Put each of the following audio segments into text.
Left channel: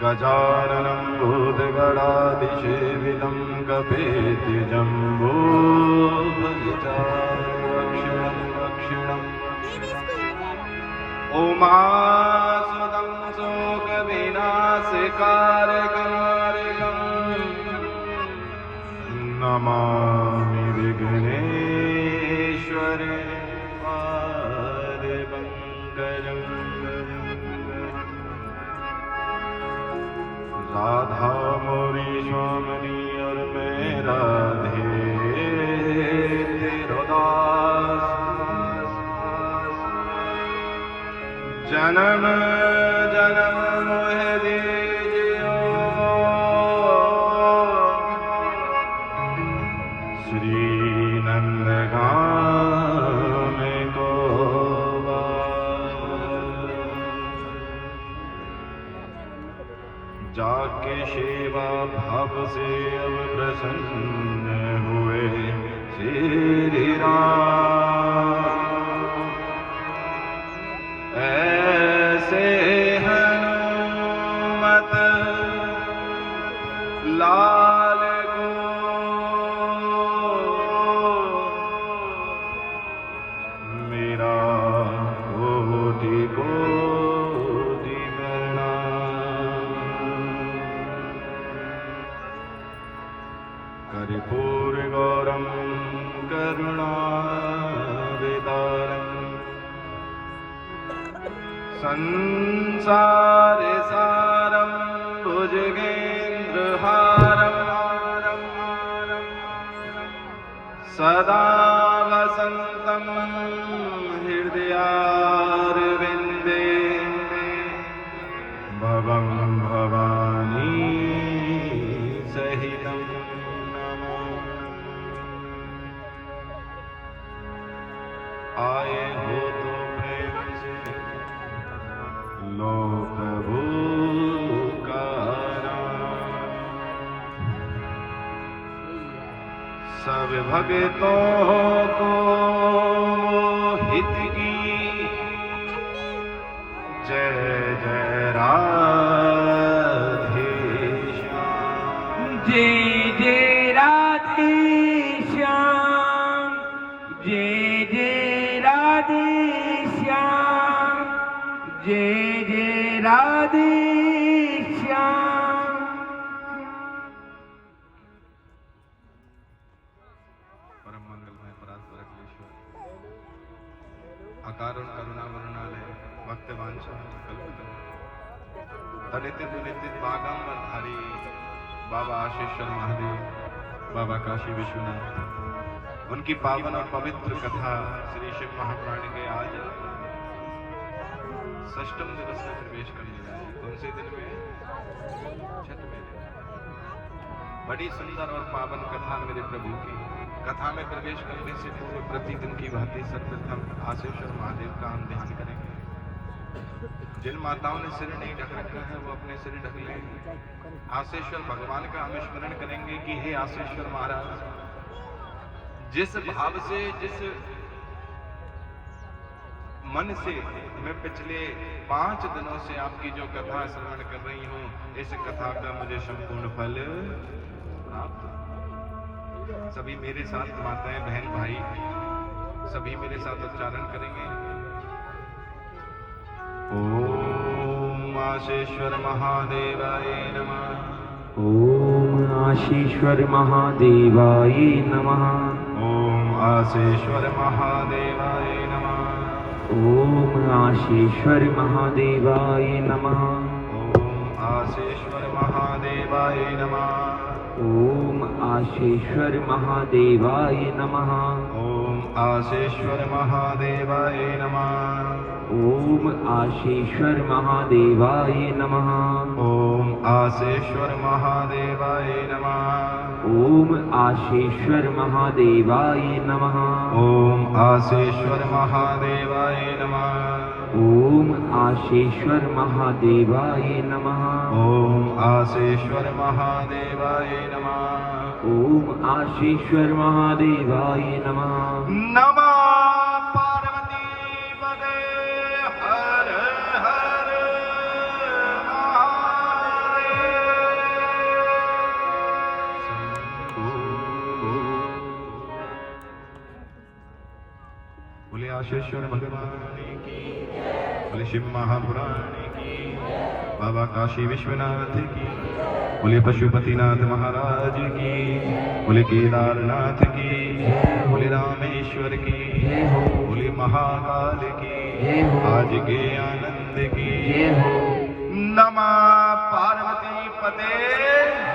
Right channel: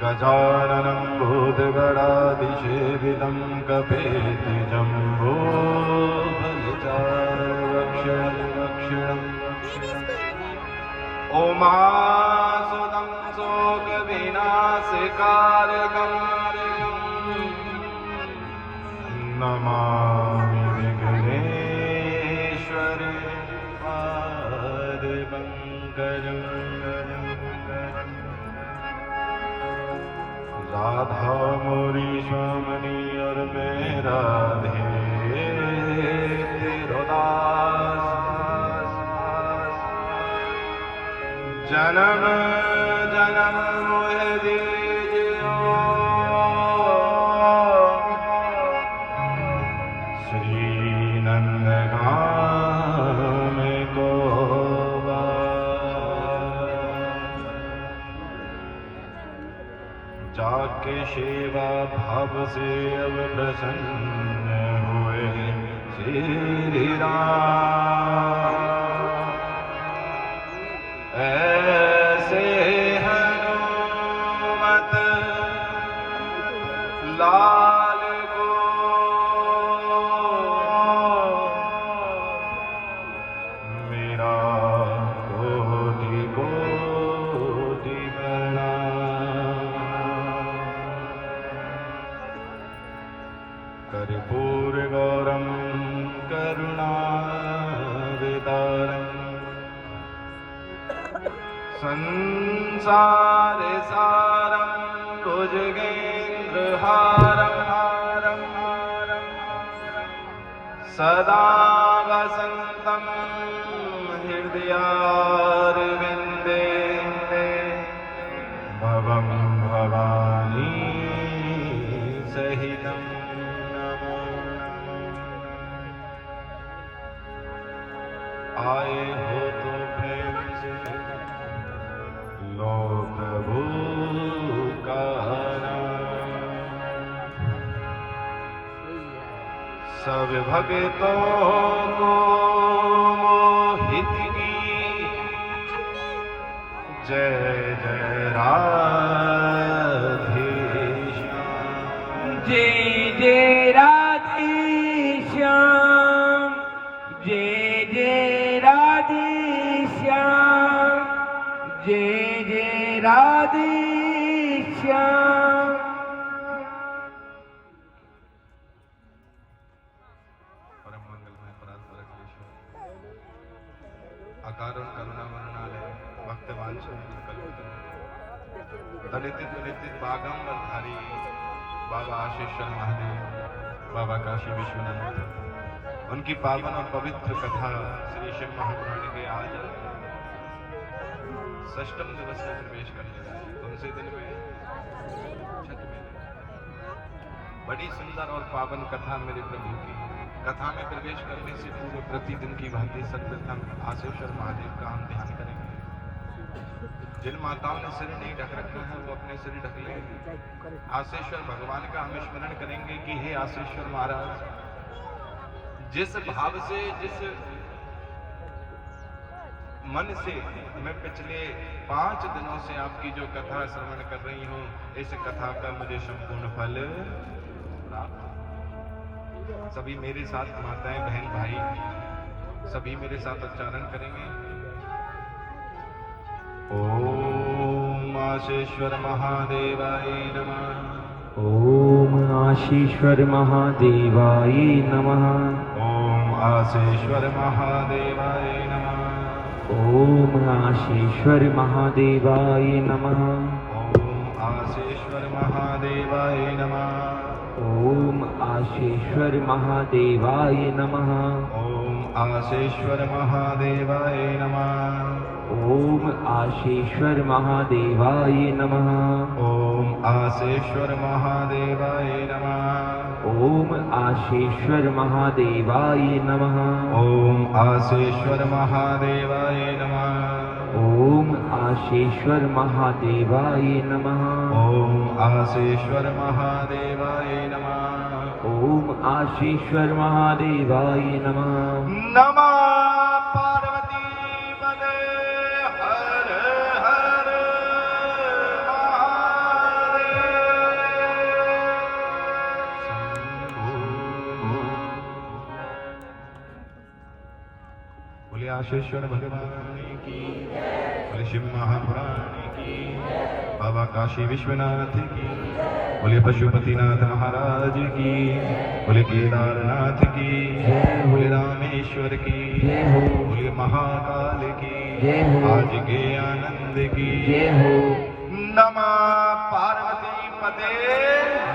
गजाननं भूतगणाधिसेवितं कपेति जम्बो फलिताक्षिणम् उमासुतं शोकविनाशकारकं नमामि विघ्नेश्वरे पादपङ्कजम्। राधा मोरी स्वामी और मैं राधे तेरो दास, जन्म जन्म मोहे दीजियो श्री नंदगाम को। जाके सेवा भाव से अब प्रसन्न हुए श्री राम, ऐसे हनुमत लाल को मेरा कोटि कोटि प्रणाम। कर्पूर गौरम करुणावतारम् संसार सारं भुजगेन्द्रहारं सदा वसन्तं हृदयारविन्दे भवं भवानी सहितं आए हो तो प्रेम से लो प्रभु का नाम। सब भक्तों को मोहित की जय जय राधे श्याम, जय जय राधे श्याम, जय जय राधे श्याम, जय जय राधे श्याम। परम मंगलमय परात्पर अखिलेश्वर अकारण करुणा वर्णालय भक्त वांछन दलित दुलित बागंबर धारी बाबा आशीश्वर महादेव, बाबा काशी विश्वनाथ, उनकी पावन और पवित्र कथा श्री शिव महापुराण के आज षष्ठम दिवस में प्रवेश करने जा रही है। कौन से दिन में? छठ में। बड़ी सुंदर और पावन कथा मेरे प्रभु की। कथा में प्रवेश करने से पूर्व प्रतिदिन की भांति सर्वप्रथम आशीश्वर महादेव का हम ध्यान करेंगे। जिन माताओं ने सिर नहीं ढक रखा है वो अपने सिर ढक लें। आशीश्वर भगवान का हम स्मरण करेंगे कि हे आशीश्वर महाराज, जिस भाव से, जिस मन से मैं पिछले 5 दिनों से आपकी जो कथा श्रवण कर रही हूँ, इस कथा का मुझे संपूर्ण फल प्राप्त। सभी मेरे साथ माताएं बहन भाई सभी मेरे साथ उच्चारण करेंगे। ओम आशीश्वर महादेवाय नमः। ओम आशीश्वर महादेवाय नमः। ओम आशीश्वर महादेवाय नमः। ओम आशीश्वर महादेवाय नमः। ओम आशीश्वर महादेवाय नमः। ओम आशीश्वर महादेवाय नमः। ओम आशीश्वर महादेवाय नमः। ओम आशीश्वर महादेवाय नमः। ओम आशीश्वर महादेवाय नमः। ओम आशीश्वर महादेवाय नमः। ओम आशीश्वर महादेवाय नमः। ओम आशीश्वर महादेवाय नमः। ओम आशीश्वर महादेवाय नमः। ओम आशीश्वर महादेवाय नमः। नमः पार्वती पदे हर हर महादेव। व्यासेश्वर भगवान की, बोले शिव महापुराण की, बाबा काशी विश्वनाथ की, बोले पशुपतिनाथ महाराज की, बोले केदारनाथ की, बोले रामेश्वर की, बोले महाकाल की, आज के आनंद की, नमः पार्वती पते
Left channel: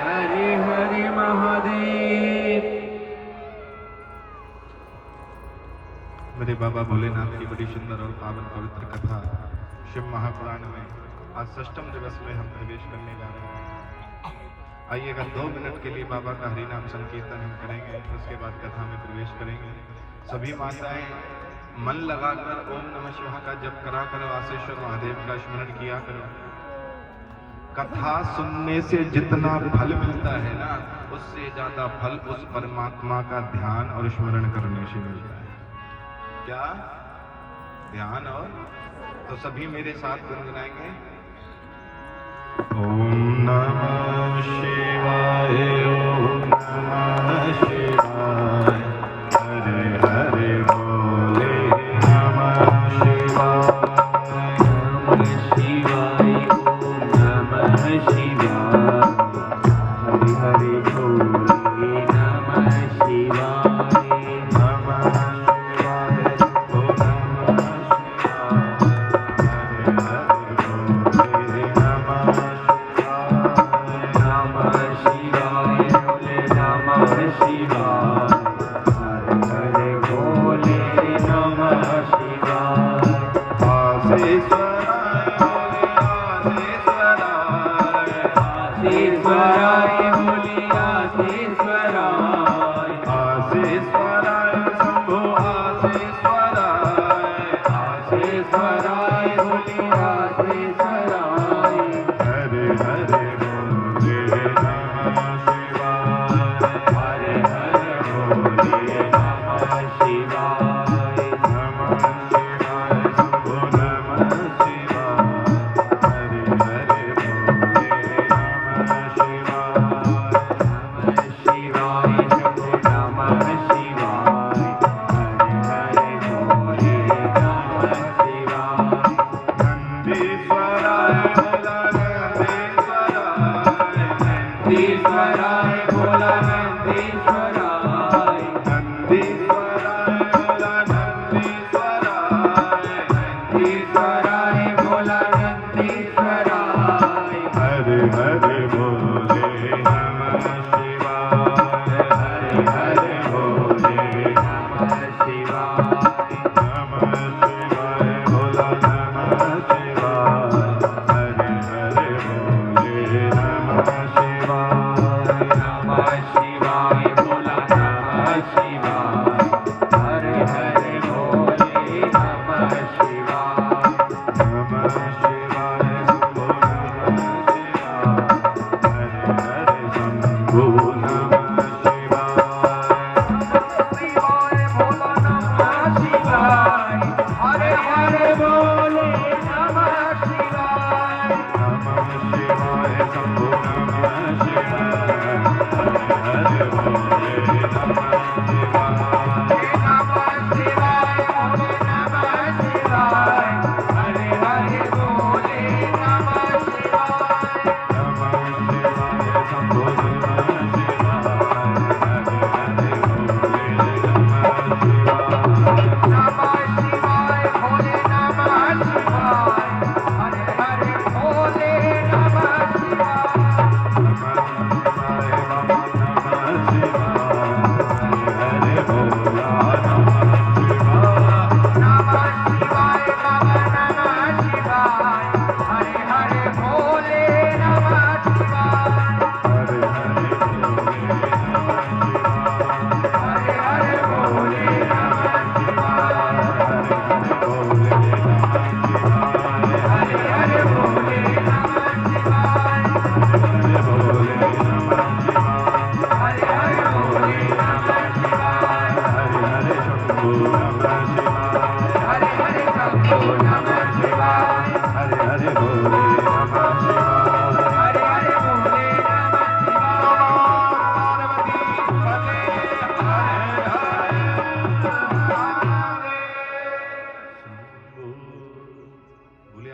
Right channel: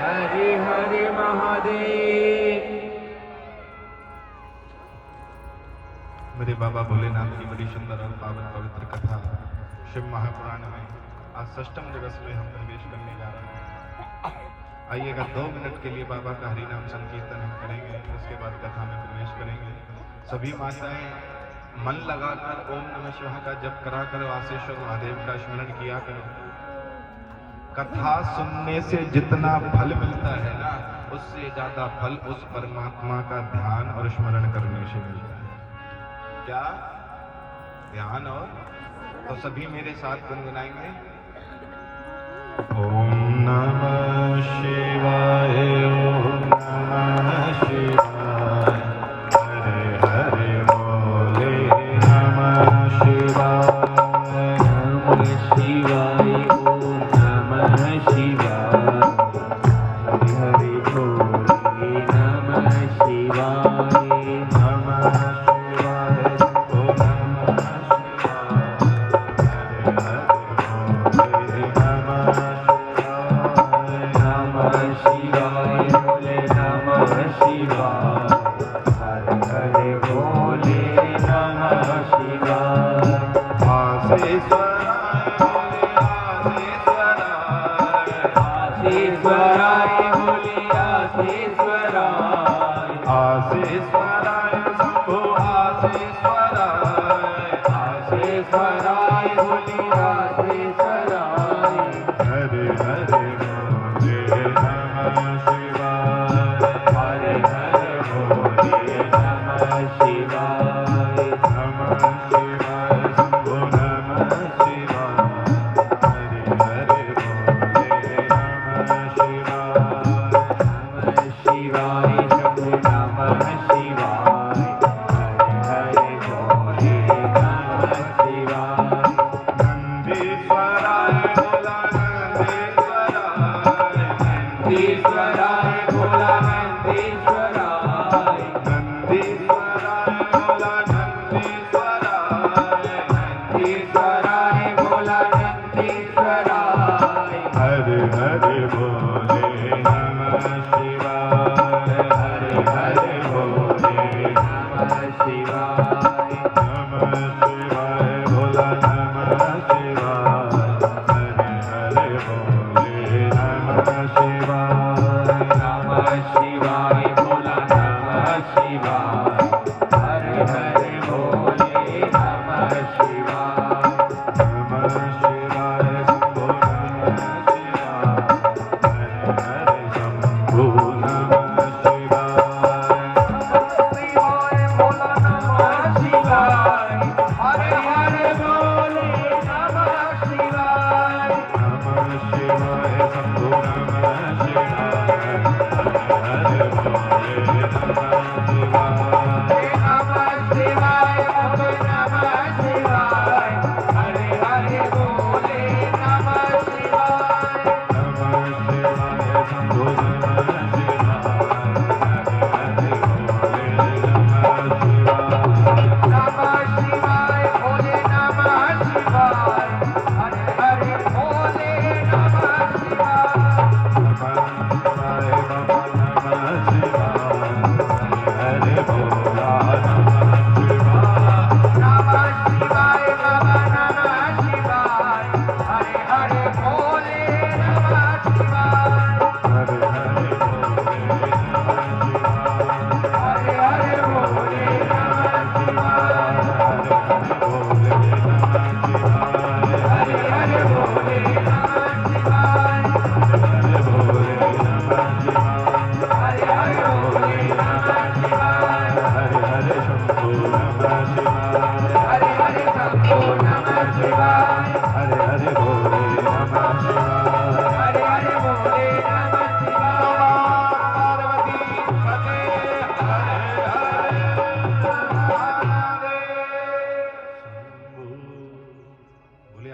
हरे हरे महादेव। मेरे बाबा भोलेनाथ की बड़ी सुंदर और पावन पवित्र कथा शिव महापुराण में आज षष्ठम दिवस में हम प्रवेश करने जा रहे हैं। आइएगा 2 मिनट के लिए बाबा का हरि नाम संकीर्तन हम करेंगे, उसके बाद कथा में प्रवेश करेंगे। सभी माताएं मन लगाकर ओम नमः शिवाय का जप करा करो, आशेश्वर महादेव का स्मरण किया करो। कथा सुनने से जितना फल मिलता है ना, उससे ज्यादा फल उस परमात्मा का ध्यान और स्मरण करने से मिलता है। क्या ध्यान? और तो सभी मेरे साथ गुनगुनाएंगे, ओम नमः शिवाय, ओम नमः शिवाय, हरे हरे बोले नमः शिवाय, नमः शिवाय, ओम नमः शिवाय, हरे हरे बोले नमः शिवाय, नमः नंदीश्वराय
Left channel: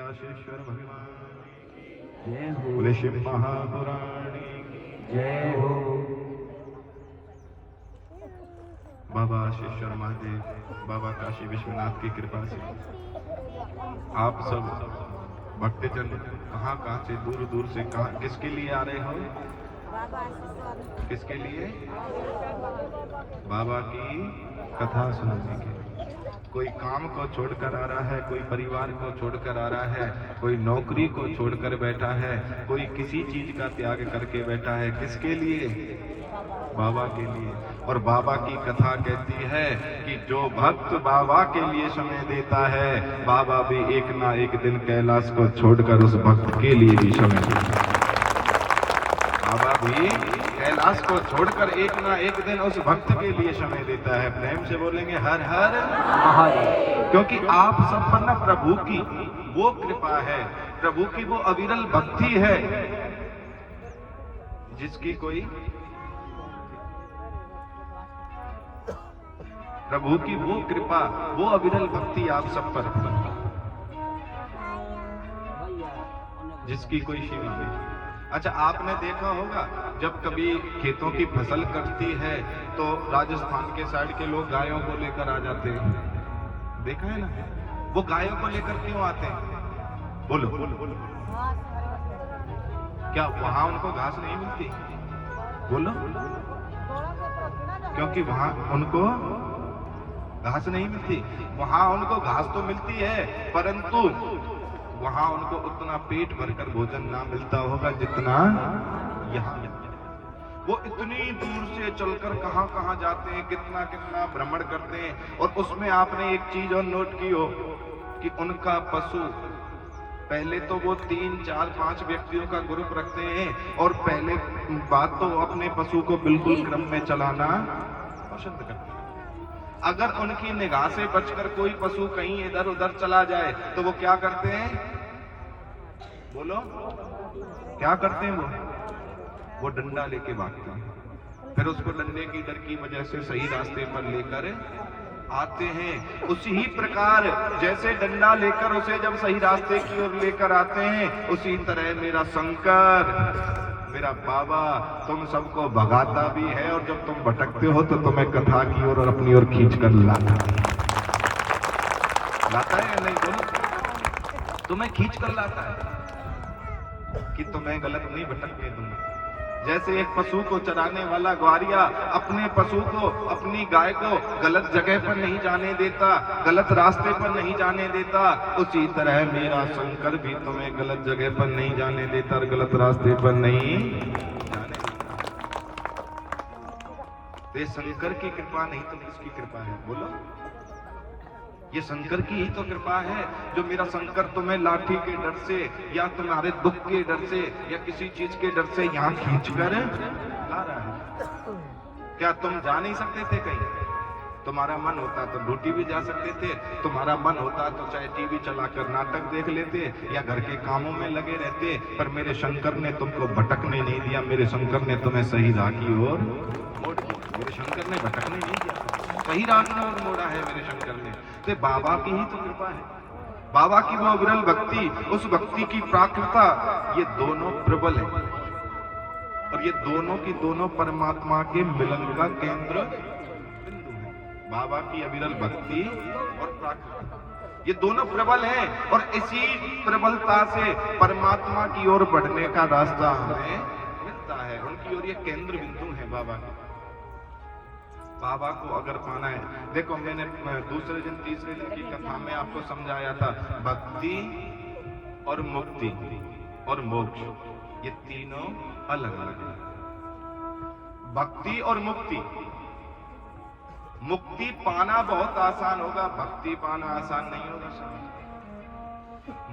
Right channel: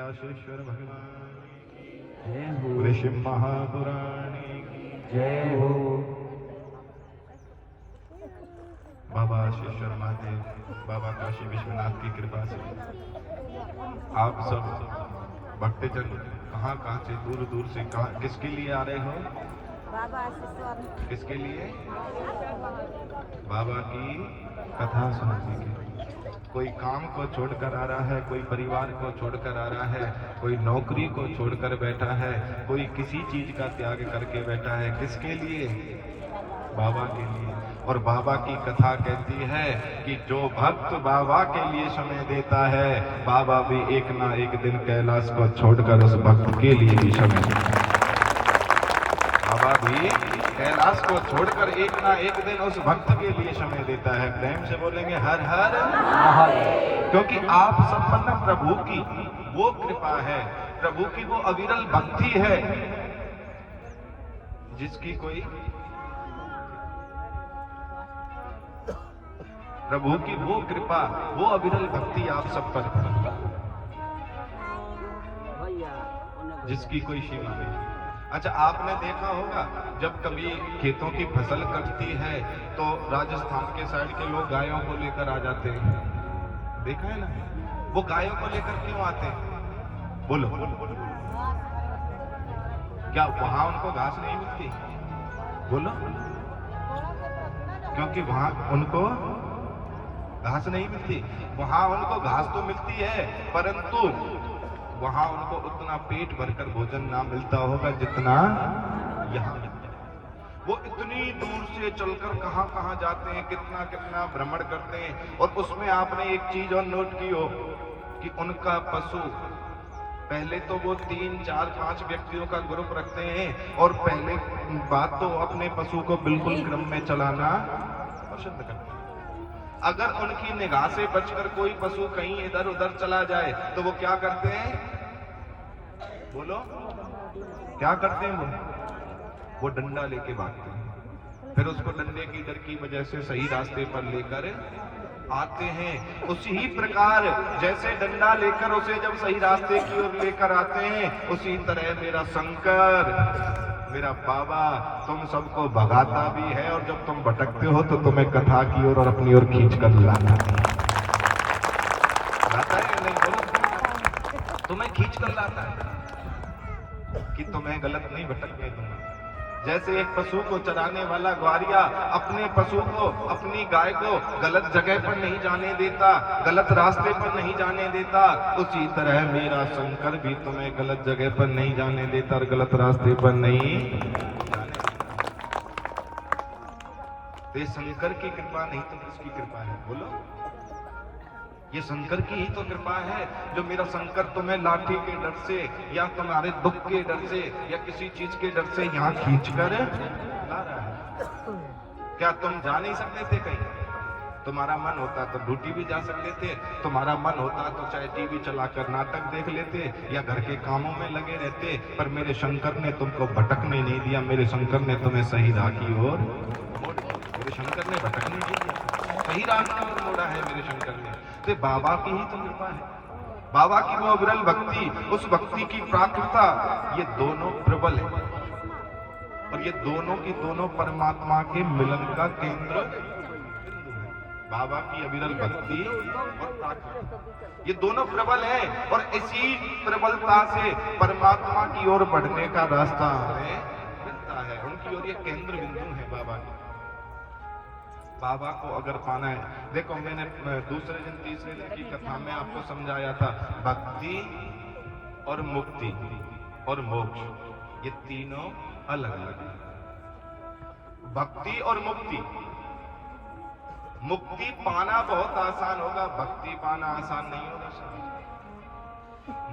व्यासेश्वर भगवान जय हो। बोले शिव महापुराण की जय हो। बाबा शिवेश्वर महादेव, बाबा काशी विश्वनाथ की कृपा से आप सब भक्तजन कहाँ कहाँ से, दूर दूर से, कहाँ किसके लिए आ रहे हो? किसके लिए? बाबा की कथा सुनने के। कोई काम को छोड़कर आ रहा है, कोई परिवार को छोड़कर आ रहा है, कोई नौकरी को छोड़कर बैठा है, कोई किसी चीज का त्याग करके बैठा है। किसके लिए? बाबा के लिए। और बाबा की कथा कहती है कि जो भक्त बाबा के लिए समय देता है, बाबा भी एक ना एक दिन कैलाश को छोड़कर उस भक्त के लिए भी समय देता है। बाबा भी कैलाश को छोड़कर एक ना एक दिन उस भक्त के लिए समय देता है। प्रेम से बोलेंगे हर हर महादेव। क्योंकि आप सब पर ना प्रभु की वो कृपा है, प्रभु की वो अविरल भक्ति है जिसकी कोई, प्रभु की वो कृपा, वो अविरल भक्ति आप सब पर जिसकी कोई सीमा नहीं। अच्छा, आपने देखा होगा जब कभी खेतों की फसल कटती है तो राजस्थान के साइड के लोग गायों को लेकर आ जाते हैं। देखा है ना? वो गायों को लेकर क्यों आते हैं? बोलो। क्या वहां उनको घास नहीं मिलती? बोलो। क्योंकि वहां उनको घास नहीं मिलती। वहां उनको घास तो मिलती है, परंतु वहां उनको उतना पेट भरकर भोजन ना मिलता होगा जितना यहाँ मिलता है। वो इतनी दूर से चलकर कहां कहां जाते हैं, कितना कितना भ्रमण करते हैं। और उसमें आपने एक चीज और नोट की हो कि उनका पशु, पहले तो वो 3, 4, 5 व्यक्तियों का ग्रुप रखते हैं और पहले बात तो अपने पशु को बिल्कुल क्रम में चलाना पसंद करते हैं। अगर उनकी निगाह से बचकर कोई पशु कहीं इधर उधर चला जाए तो वो क्या करते हैं? बोलो, क्या करते हैं? वो डंडा लेके भागते हैं, फिर उसको डंडे की डर की वजह से सही रास्ते पर लेकर आते हैं। उसी ही प्रकार जैसे डंडा लेकर उसे जब सही रास्ते की ओर लेकर आते हैं, उसी तरह मेरा शंकर, मेरा बाबा तुम सबको भगाता भी है, और जब तुम भटकते हो तो तुम्हें कथा की ओर और अपनी ओर खींच कर लाता है या नहीं? बोलो। तुम्हें खींच कर लाता है कि तुम्हें गलत नहीं भटकने दूंगा। जैसे एक पशु को चराने वाला ग्वारिया अपने पशु को, अपनी गाय को गलत जगह पर नहीं जाने देता, गलत रास्ते पर नहीं जाने देता, उसी तरह मेरा शंकर भी तुम्हें गलत जगह पर नहीं जाने देता और गलत रास्ते पर नहीं जाने देता। तो ये शंकर की कृपा नहीं तो किसकी कृपा है? बोलो। ये शंकर की ही तो कृपा है जो मेरा शंकर तुम्हें लाठी के डर से या तुम्हारे दुख के डर से या किसी चीज के डर से यहाँ खींच कर ला रहा है। क्या तुम जा नहीं सकते थे कहीं? तुम्हारा मन होता तो ड्यूटी भी जा सकते थे, तुम्हारा मन होता तो चाहे टीवी चलाकर नाटक देख लेते या घर के कामों में लगे रहते, पर मेरे शंकर ने तुमको भटकने नहीं दिया। मेरे शंकर ने तुम्हें सही राह की ओर मोड़ दिया। मेरे शंकर ने भटकने नहीं दिया, सही राह की ओर मोड़ा है मेरे शंकर ने। तो बाबा की ही तो कृपा है, बाबा की वो विरल भक्ति, उस भक्ति की प्राकृता, ये दोनों प्रबल है और ये दोनों की दोनों परमात्मा के मिलन का केंद्र बिंदु है। बाबा की अविरल भक्ति और प्राकृता, ये दोनों प्रबल है और इसी प्रबलता से परमात्मा की ओर बढ़ने का रास्ता हमें मिलता है। उनकी ओर ये केंद्र बिंदु है बाबा के। बाबा को अगर पाना है, देखो मैंने दूसरे दिन तीसरे दिन की कथा में आपको समझाया था, भक्ति और मुक्ति और मोक्ष ये तीनों अलग अलग हैं। भक्ति और मुक्ति, मुक्ति पाना बहुत आसान होगा, भक्ति पाना आसान नहीं होगा।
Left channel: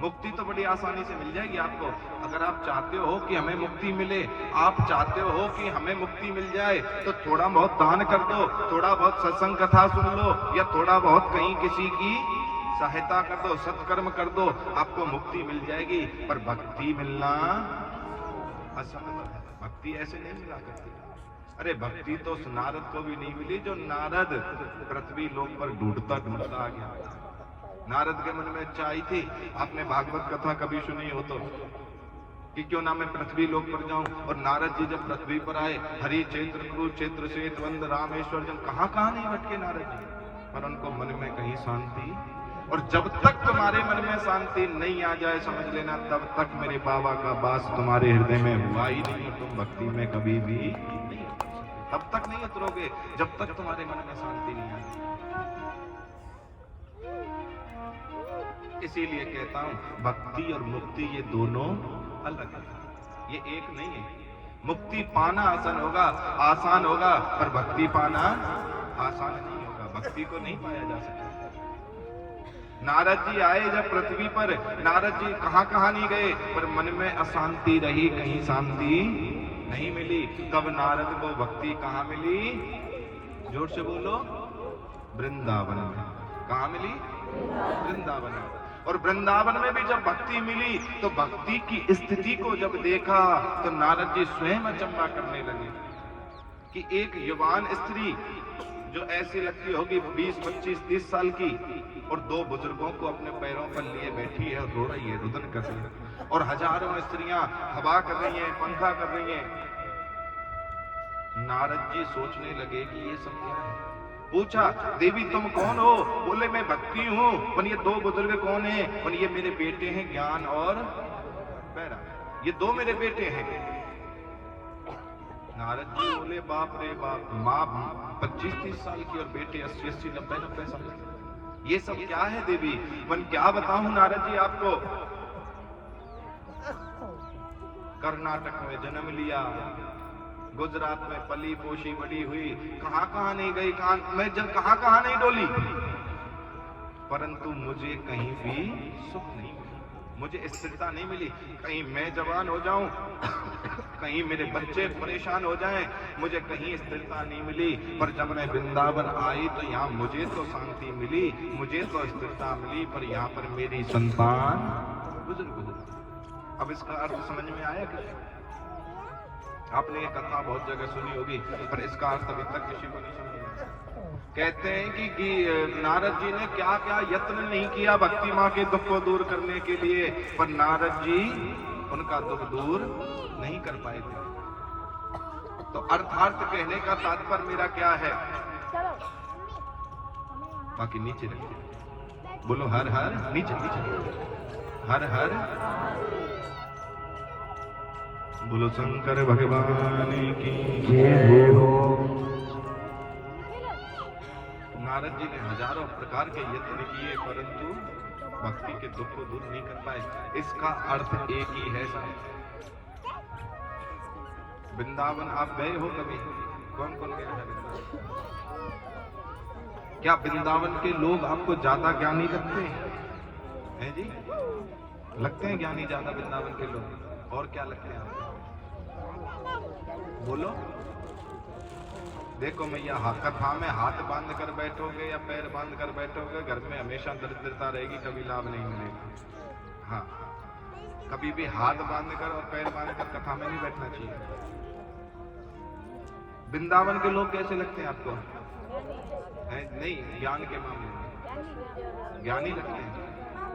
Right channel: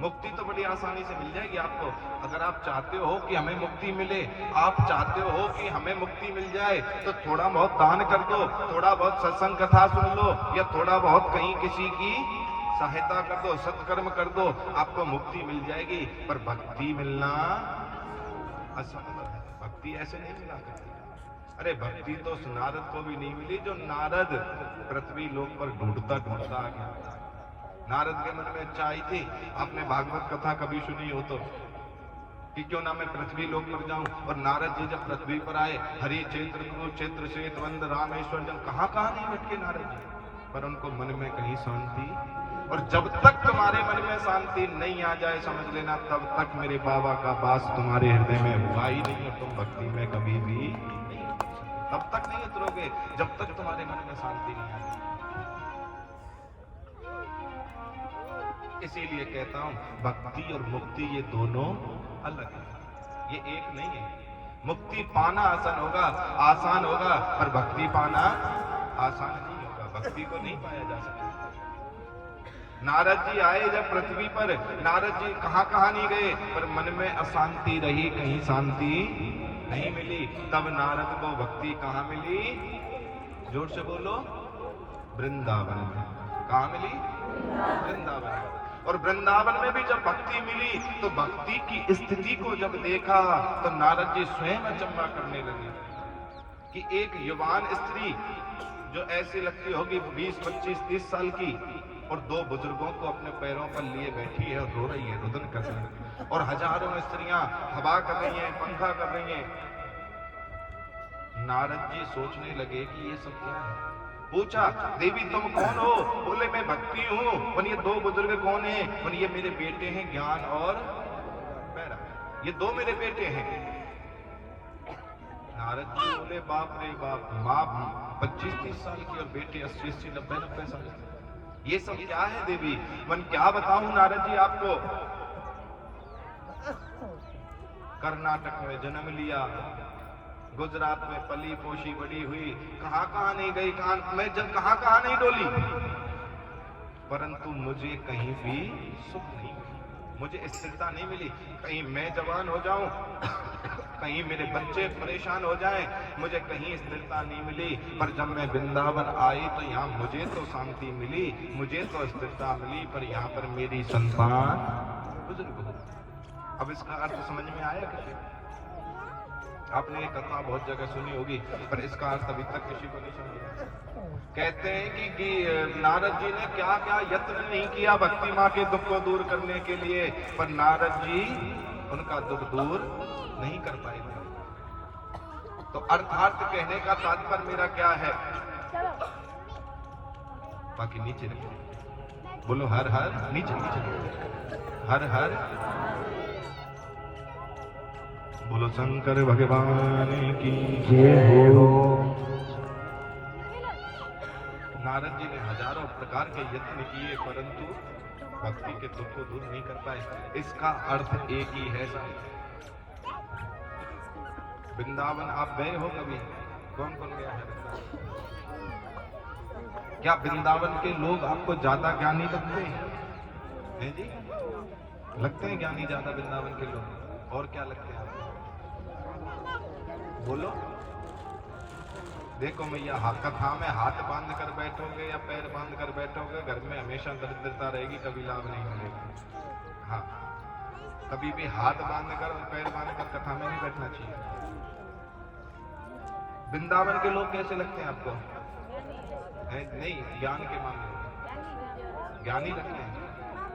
मुक्ति तो बड़ी आसानी से मिल जाएगी आपको। अगर आप चाहते हो कि हमें मुक्ति मिले, आप चाहते हो कि हमें मुक्ति मिल जाए, तो थोड़ा बहुत दान कर दो, थोड़ा बहुत सत्संग कथा सुन लो या थोड़ा बहुत कहीं किसी की सहायता कर दो, सत्कर्म कर दो, आपको मुक्ति मिल जाएगी। पर भक्ति मिलना असंभव है। भक्ति ऐसे नहीं मिला करती। अरे भक्ति तो उस नारद को भी नहीं मिली जो नारद पृथ्वी लोक पर ढूंढता ढूंढता आ गया। नारद के मन में इच्छा आई थी, आपने भागवत कथा कभी सुनी हो तो, कि क्यों ना मैं पृथ्वी लोक पर जाऊं। और नारद जी जब पृथ्वी पर आए, हरि क्षेत्र कुरुक्षेत्र श्वेतवंद रामेश्वर जब कहां नहीं भटके नारद जी, पर उनको मन में कहीं शांति। और जब तक तुम्हारे मन में शांति नहीं आ जाए, समझ लेना तब तक मेरे बाबा का वास तुम्हारे हृदय में हुआ ही नहीं, और तुम भक्ति में कभी भी नहीं, तब तक नहीं उतरोगे जब तक तुम्हारे मन में शांति नहीं आती। इसीलिए कहता हूं, भक्ति और मुक्ति ये दोनों अलग है, ये एक नहीं है। मुक्ति पाना आसान होगा, पर भक्ति पाना आसान नहीं होगा, भक्ति को नहीं पाया जा सकता। नारद जी आए जब पृथ्वी पर, नारद जी कहां नहीं गए, पर मन में अशांति रही, कहीं शांति नहीं मिली। तब नारद को भक्ति कहां मिली? जोर से बोलो, वृंदावन में। कहां मिली? वृंदावन में। और वृंदावन में भी जब भक्ति मिली, तो भक्ति की स्थिति को जब देखा, तो नारद जी स्वयं अचंभा करने लगे कि एक युवान स्त्री जो ऐसी लगती होगी 20, 25, 30 साल की, और दो बुजुर्गों को अपने पैरों पर लिए बैठी है और रो रही है, रुदन कर रही है, और हजारों स्त्रियां हवा कर रही हैं, पंखा कर रही हैं। नारद जी सोचने लगे कि ये सब क्या है। पूछा, देवी तुम कौन हो? बोले मैं भक्ति हूँ। और ये दो बुजुर्ग कौन हैं? और ये मेरे बेटे हैं ज्ञान और बैरा, ये दो मेरे बेटे हैं। नारद जी बोले बाप रे बाप, माँ 25-30 साल की और बेटे 80-80, 90-90 साल के, ये सब क्या है देवी? मन क्या बताऊं नारद जी आपको। कर्नाटक में जन्म लिया, गुजरात में पली पोशी बड़ी हुई, कहां नहीं गई, मैं जब कहां नहीं डोली, परंतु मुझे कहीं भी सुख नहीं मिला, मुझे स्थिरता नहीं मिली। कहीं मैं जवान हो जाऊं, कहीं मेरे बच्चे परेशान हो जाएं, मुझे कहीं स्थिरता नहीं मिली। पर जब मैं वृंदावन आई तो यहाँ मुझे तो शांति मिली, मुझे तो स्थिरता मिली, पर यहाँ पर मेरी संतान बुजुर्ग हो। अब इसका अर्थ समझ में आया कि आपने ये कथा बहुत जगह सुनी होगी, पर इसका अर्थ अभी तक किसी को नहीं समझा। कहते हैं कि नारद जी ने क्या क्या यत्न नहीं किया भक्ति माँ के दुख को दूर करने के लिए, पर नारद जी उनका दुख दूर नहीं कर पाए थे। तो अर्थार्थ कहने का तात्पर्य मेरा क्या है? बाकी नीचे रखिए, बोलो हर हर, नीचे हर हर, बोलो शंकर भगवान की जय हो। नारद जी ने हजारों प्रकार के यत्न किए, परंतु भक्ति के दुख को दूर नहीं कर पाए। इसका अर्थ एक ही है साहब। वृंदावन आप गए हो कभी? कौन गया है वृंदावन? क्या वृंदावन के लोग आपको ज्यादा ज्ञानी लगते हैं जी? लगते हैं ज्ञानी ज्यादा वृंदावन के लोग? और क्या लगते हैं आपको? बोलो। देखो मैया, कथा में हाथ बांध कर बैठोगे या पैर बांध कर बैठोगे, घर में हमेशा दरिद्रता रहेगी, कभी लाभ नहीं मिलेगा। हाँ, कभी भी हाथ बांध कर और पैर बांध कर कथा में नहीं बैठना चाहिए। वृंदावन के लोग कैसे लगते हैं आपको? नहीं, ज्ञान के मामले में ज्ञानी लगते हैं।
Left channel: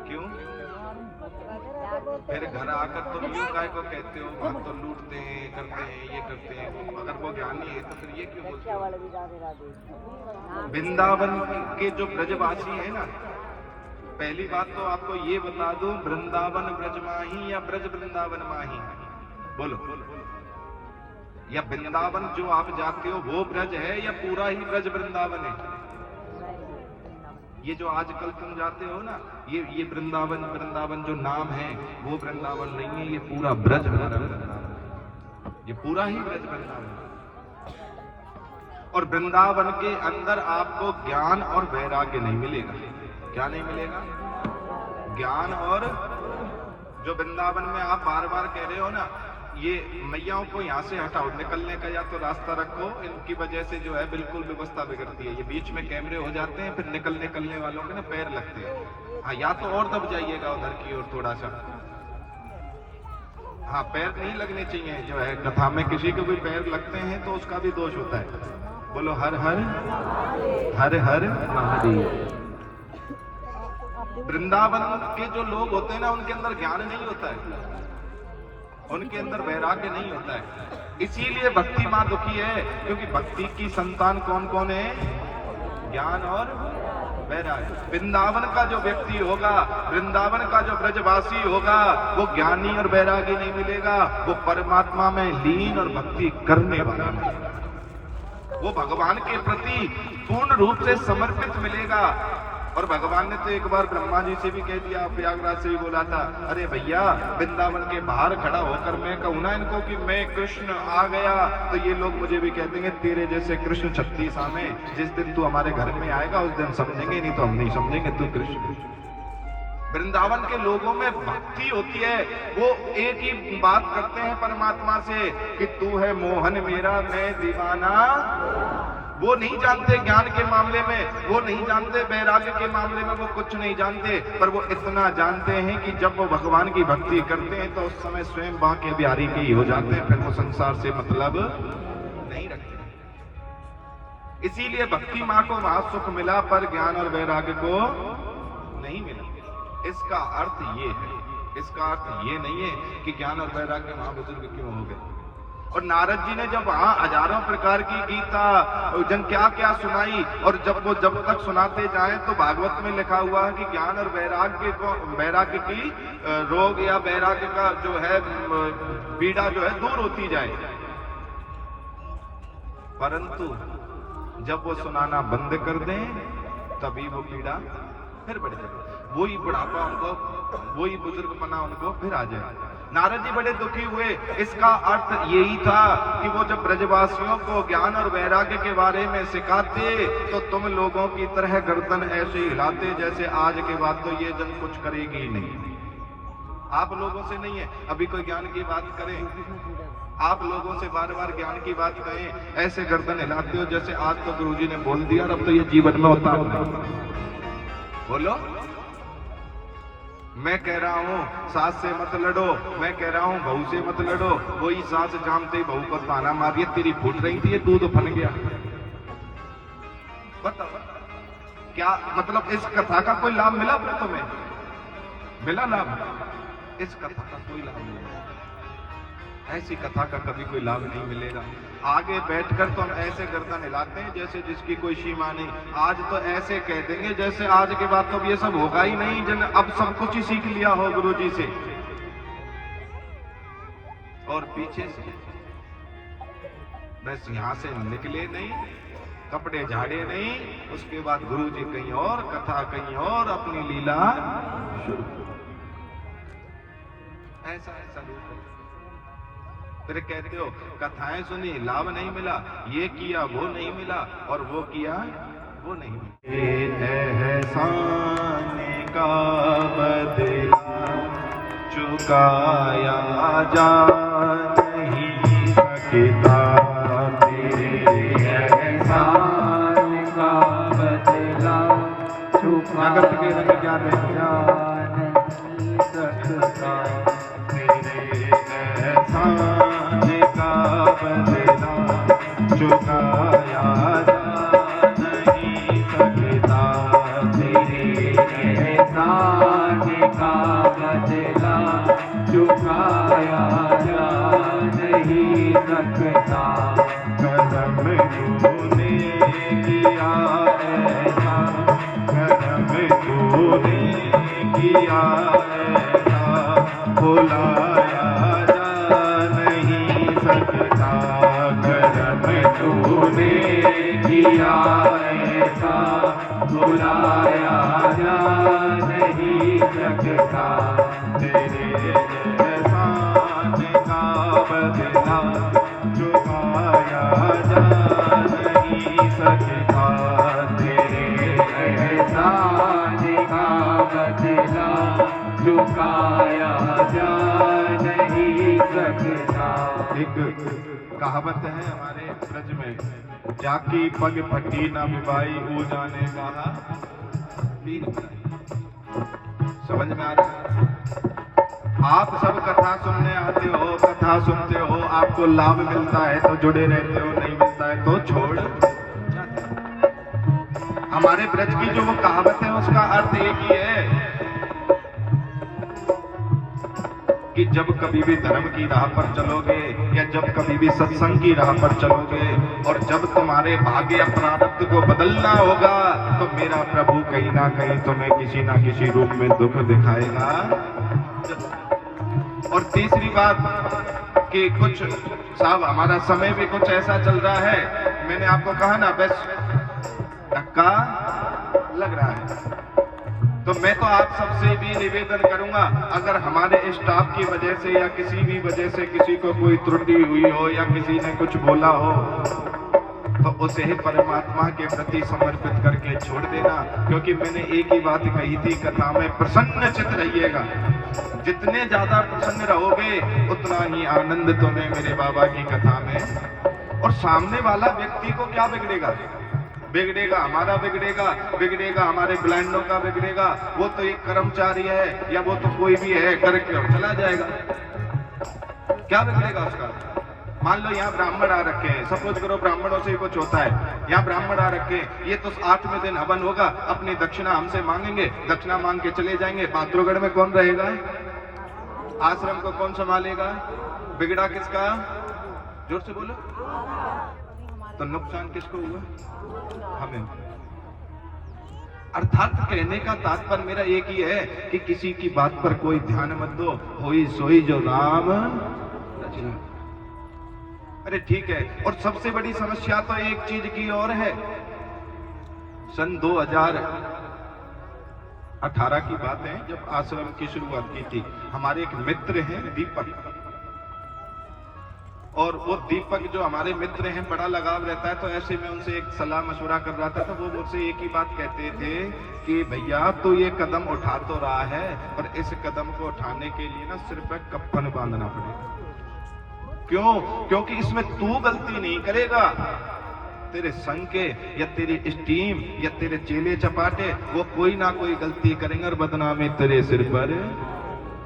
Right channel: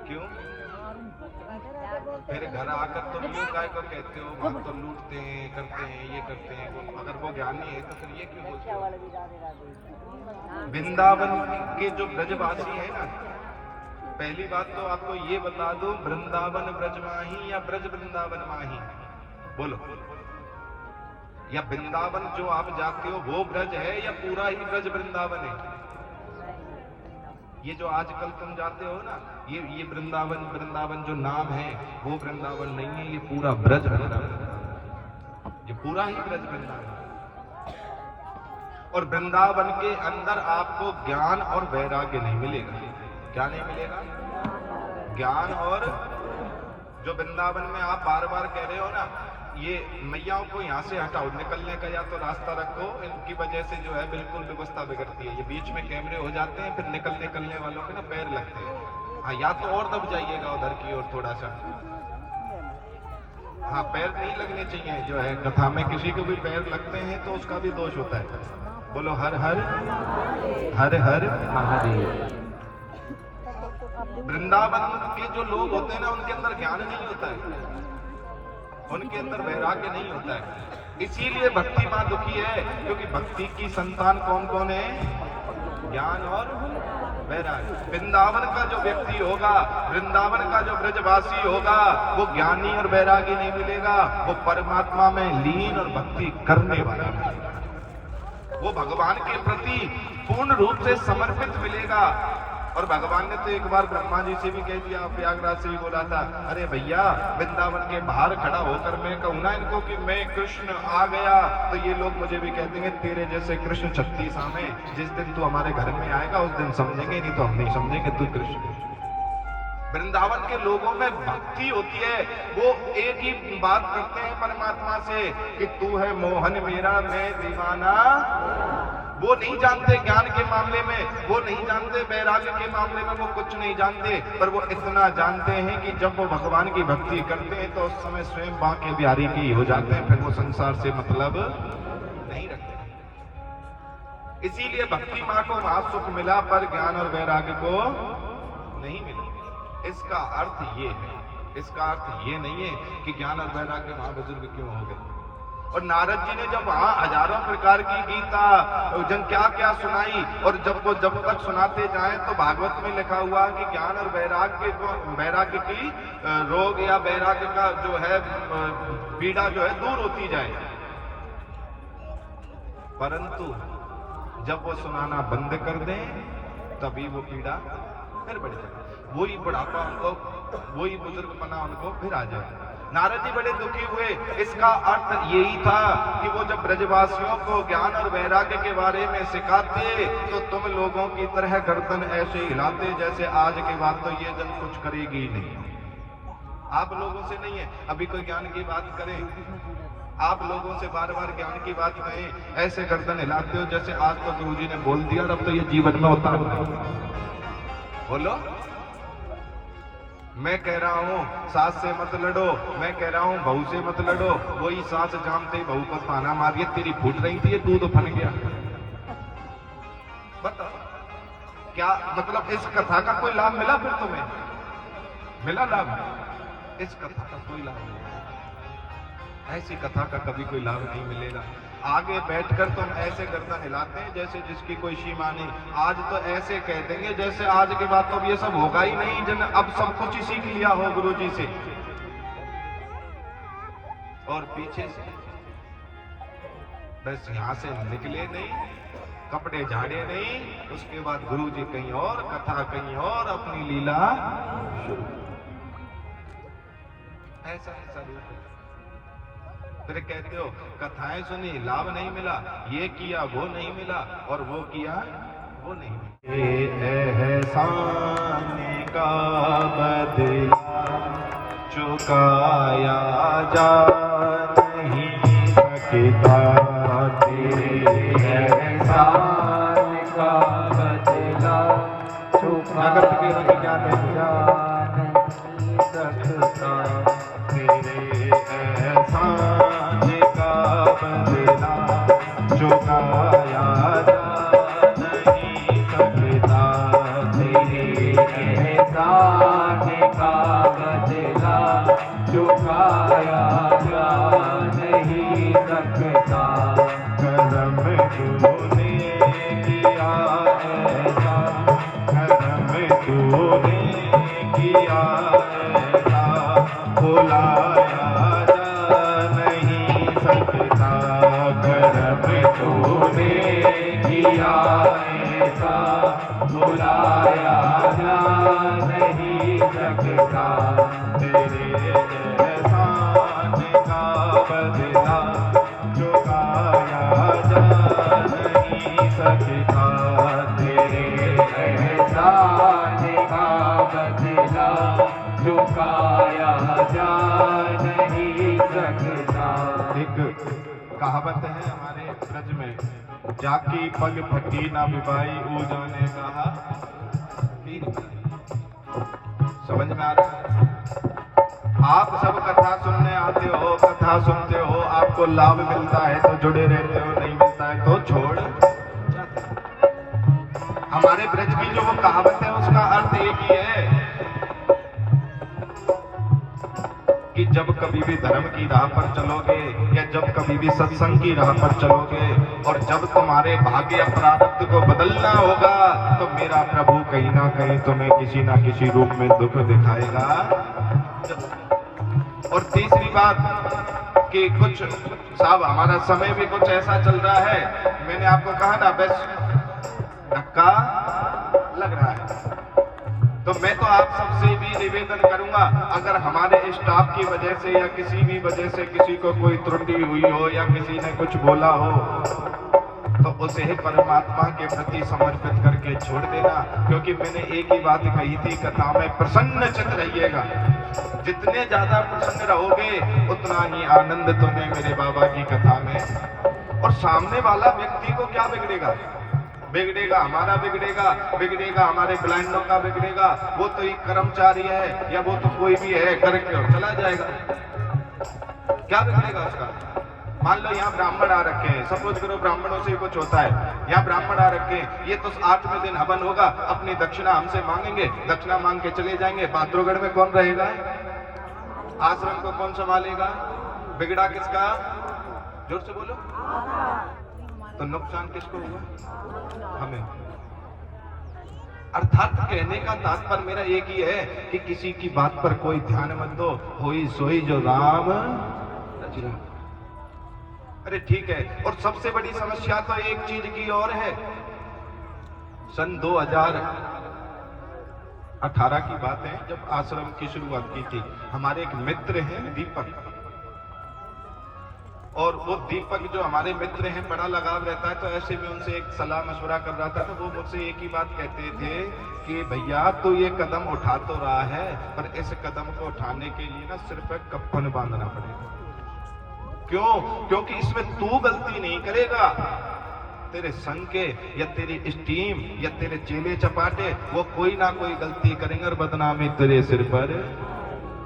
क्यों? फिर घर आकर तुम यूं काय को कहते हो, बहुत तो लूटते हैं, करते हैं, ये करते हैं। अगर वो ज्ञानी है तो फिर ये क्यों बोलते हो? वृंदावन के जो ब्रजवासी है ना, पहली बात तो आपको ये बता दूं, वृंदावन ब्रज माही या ब्रज वृंदावन माही? बोलो। या वृंदावन जो आप जाते हो वो ब्रज है या पूरा ही ब्रज वृंदावन है? ये जो आजकल तुम जाते हो ना, ये वृंदावन जो नाम है वो वृंदावन नहीं है, ये पूरा ब्रज वृंदावन, ये पूरा ही ब्रज वृंदावन। और वृंदावन के अंदर आपको ज्ञान और वैराग्य नहीं मिलेगा। क्या नहीं मिलेगा? ज्ञान। और जो वृंदावन में आप बार बार कह रहे हो ना, ये मैयाओं को यहाँ से हटाओ, निकलने का या तो रास्ता रखो, इनकी वजह से जो है बिल्कुल व्यवस्था बिगड़ती है। ये बीच में कैमरे हो जाते हैं, फिर निकलने वालों के ना पैर लगते हैं। हाँ, या तो और दब जाइएगा उधर की ओर थोड़ा सा। हाँ, पैर नहीं लगने चाहिए। जो है कथा में किसी को भी पैर लगते हैं तो उसका भी दोष होता है। बोलो हर हर, हर हर महादेव। वृंदावन के जो लोग होते हैं ना, उनके अंदर ज्ञान नहीं होता है, उनके अंदर वैराग्य नहीं होता है। इसीलिए भक्ति मां दुखी है, क्योंकि भक्ति की संतान कौन कौन है? ज्ञान और वैराग्य। वृंदावन का जो व्यक्ति होगा, वृंदावन का जो ब्रजवासी होगा, वो ज्ञानी और वैरागी नहीं मिलेगा, वो परमात्मा में लीन और भक्ति करने वाला मिलेगा, वो भगवान के प्रति पूर्ण रूप से समर्पित मिलेगा। और भगवान ने तो एक बार ब्रह्मा जी से भी कह दिया, प्रयागराज से भी बोला था, अरे भैया वृंदावन के बाहर खड़ा होकर मैं कहूँ ना इनको कि मैं कृष्ण आ गया, तो ये लोग मुझे भी कह देंगे तेरे जैसे कृष्ण 36 में, जिस दिन तू हमारे घर में आएगा उस दिन समझेंगे, नहीं तो हम नहीं समझेंगे तू कृष्ण। वृंदावन के लोगों में भक्ति होती है, वो एक ही बात करते हैं परमात्मा से कि तू है मोहन मेरा मैं दीवाना। वो नहीं जानते ज्ञान के मामले में, वो नहीं जानते वैराग्य के मामले में, वो कुछ नहीं जानते, पर वो इतना जानते हैं कि जब वो भगवान की भक्ति करते हैं तो उस समय स्वयं बांके बिहारी के ही हो जाते हैं, फिर वो संसार से मतलब नहीं रखते। इसीलिए भक्ति मां को महासुख मिला, पर ज्ञान और वैराग्य को नहीं मिला। इसका अर्थ ये है, इसका अर्थ ये नहीं है कि ज्ञान और वैराग्य महाबुजुर्ग क्यों हो गए। और नारद जी ने जब वहां हजारों प्रकार की गीता जन क्या क्या सुनाई, और जब तक सुनाते जाए तो भागवत में लिखा हुआ है कि ज्ञान और वैराग्य की रोग या वैराग्य का जो है पीड़ा जो है दूर होती जाए। परंतु जब वो सुनाना बंद कर दें तभी वो पीड़ा फिर बढ़ जाए, वही बुढ़ापा उनको, वही बुजुर्गपना उनको फिर आ जाए। नारद जी बड़े दुखी हुए। इसका अर्थ यही था कि वो जब ब्रजवासियों को ज्ञान और वैराग्य के बारे में सिखाते तो तुम लोगों की तरह गर्दन ऐसे हिलाते जैसे आज के बाद तो ये जन कुछ करेगी नहीं। आप लोगों से नहीं है, अभी कोई ज्ञान की बात करे, आप लोगों से बार बार ज्ञान की बात कहें, ऐसे गर्दन हिलाते हो जैसे आज तो गुरुजी ने बोल दिया और अब तो ये जीवन में होता है। बोलो, मैं कह रहा हूं सास से मत लड़ो, मैं कह रहा हूं बहू से मत लड़ो, वही सास जानते ही बहू को ताना मारिए, तेरी फूट रही थी, ये दूध फन गया। बताओ क्या मतलब, इस कथा का कोई लाभ मिला? फिर तुम्हें मिला लाभ? इस कथा का कोई लाभ नहीं, ऐसी कथा का कभी कोई लाभ नहीं मिलेगा। आगे बैठकर तो हम ऐसे गर्दन हिलाते हैं जैसे जिसकी कोई सीमा नहीं। आज तो ऐसे कह देंगे जैसे आज के बाद तो अब ये सब होगा ही नहीं, जन अब सब कुछ ही सीख लिया हो गुरुजी से। और पीछे से बस यहां से निकले नहीं, कपड़े झाड़े नहीं, उसके बाद गुरुजी कहीं और, कथा कहीं और, अपनी लीला शुरू। ऐसा रूप है। फिर कहते हो कथाएं सुनी लाभ नहीं मिला, ये किया वो नहीं मिला, और वो किया वो नहीं मिला। एहसान का बदला चुकाया जा नहीं सकता, तेरे एहसान का बदला जगत के रंग क्या नहीं सकता, तेरे एहसान का बदला चुकाया जा नहीं सकता, तेरे एहसान का बदला चुकाया जा नहीं सकता। करम तूने किया ऐसा, करम तूने किया ऐसा, भुलाया जा नहीं सकता। करम तूने किया ऐसा, भुलाया जा नहीं सकता, तेरे एहसान का बदला चुकाया जा नहीं सकता, तेरे एहसान का बदला चुकाया जा नहीं सकता। एक कहावत है हमारे ब्रज में, जाकी पग फटी ना विभाई ऊ जाने कहा पीर बुलाई। समझ में आ रहा है? आप सब कथा सुनने आते हो, कथा सुनते हो, आपको लाभ मिलता है तो जुड़े रहते हो, नहीं मिलता है तो छोड़ जाते हो। हमारे ब्रज की जो वो कहावत है उसका अर्थ एक ही है कि जब कभी भी धर्म की राह पर चलोगे या जब कभी भी सत्संग की राह पर चलोगे और जब तुम्हारे भाग्य या प्रारब्ध को बदलना होगा तो मेरा प्रभु कहीं ना कहीं तुम्हें किसी ना किसी रूप में दुख दिखाएगा। और तीसरी बात कि कुछ साहब हमारा समय भी कुछ ऐसा चल रहा है, मैंने आपको कहा ना बस धक्का लग रहा है, तो मैं तो आप सबसे भी निवेदन करूंगा, अगर हमारे स्टाफ की वजह से या किसी भी वजह से किसी को कोई त्रुटि हुई हो या किसी ने कुछ बोला हो तो उसे परमात्मा के प्रति समर्पित करके छोड़ देना, क्योंकि मैंने एक ही बात कही थी कथा में, प्रसन्न चित्त रहिएगा। जितने ज्यादा प्रसन्न रहोगे उतना ही आनंद तुम्हें मेरे बाबा की कथा में। और सामने वाला व्यक्ति को क्या बिगड़ेगा? बिगड़ेगा हमारा, बिगड़ेगा हमारे ब्लाइंडों का बिगड़ेगा। वो तो एक कर्मचारी है या वो तो कोई भी है, करके और चला जाएगा, क्या बिगड़ेगा उसका? मान लो यहाँ ब्राह्मण आ रखे हैं, सपोज करो ब्राह्मणों से कुछ होता है, यहाँ ब्राह्मण आ रखे हैं, ये तो 8वें दिन हवन होगा, अपनी दक्षिणा हमसे मांगेंगे, दक्षिणा मांग के चले जाएंगे। बात्रोगढ़ में कौन रहेगा? आश्रम को कौन संभालेगा? बिगड़ा किसका? जोर से बोलो। तो नुकसान किसको हुआ? हमें। अर्थात कहने का तात्पर्य मेरा एक ही है कि किसी की बात पर कोई ध्यान मत दो, होई सोई जो राम रचना। अरे ठीक है। और सबसे बड़ी समस्या तो एक चीज की और है। सन 2018 की बात है, जब आश्रम की शुरुआत की थी, हमारे एक मित्र हैं दीपक, और वो दीपक जो हमारे मित्र हैं बड़ा लगाव रहता है, तो ऐसे में उनसे एक सलाह मशवरा कर रहा था, तो वो मुझसे एक ही बात कहते थे कि भैया तू ये कदम उठा तो रहा है, पर इस कदम को उठाने के लिए ना सिर पर कफन बांधना पड़ेगा। क्यों? क्योंकि इसमें तू गलती नहीं करेगा, तेरे संग के या तेरी स्टीम या तेरे चेले चपाटे वो कोई ना कोई गलती करेंगे और बदनामी तेरे सिर पर।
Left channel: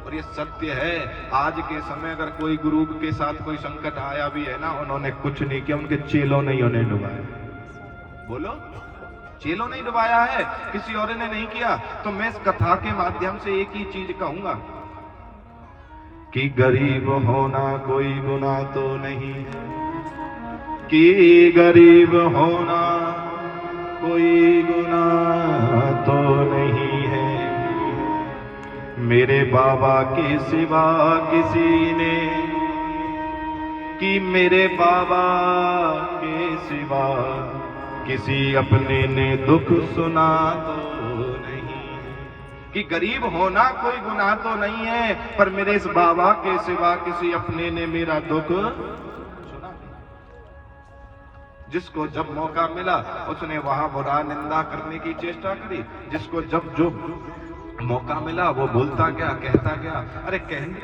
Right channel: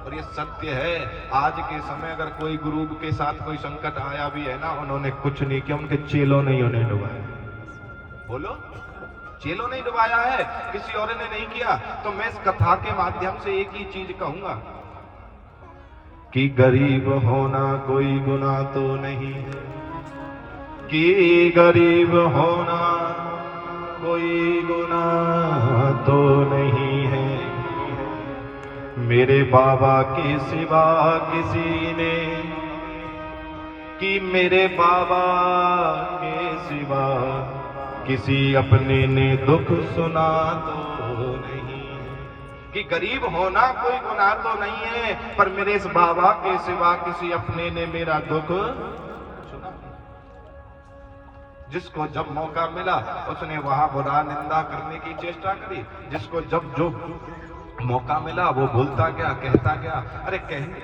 और ये सत्य है, आज के समय अगर कोई गुरु के साथ कोई संकट आया भी है ना, उन्होंने कुछ नहीं किया, उनके चेलों ने उन्हें डुबाया। बोलो, चेलों ने डुबाया है, किसी और ने नहीं किया। तो मैं इस कथा के माध्यम से एक ही चीज कहूंगा कि गरीब होना कोई गुनाह तो नहीं है, कि गरीब होना कोई गुनाह तो नहीं है। मेरे बाबा के सिवा किसी ने, कि मेरे बाबा के सिवा किसी अपने ने दुख सुना तो नहीं। कि गरीब होना कोई गुनाह तो नहीं है, पर मेरे इस बाबा के सिवा किसी अपने ने मेरा दुख सुना। जिसको जब मौका मिला उसने वहां बुरा निंदा करने की चेष्टा करी, जिसको जब जो मौका मिला वो बोलता गया, कहता गया। अरे कहने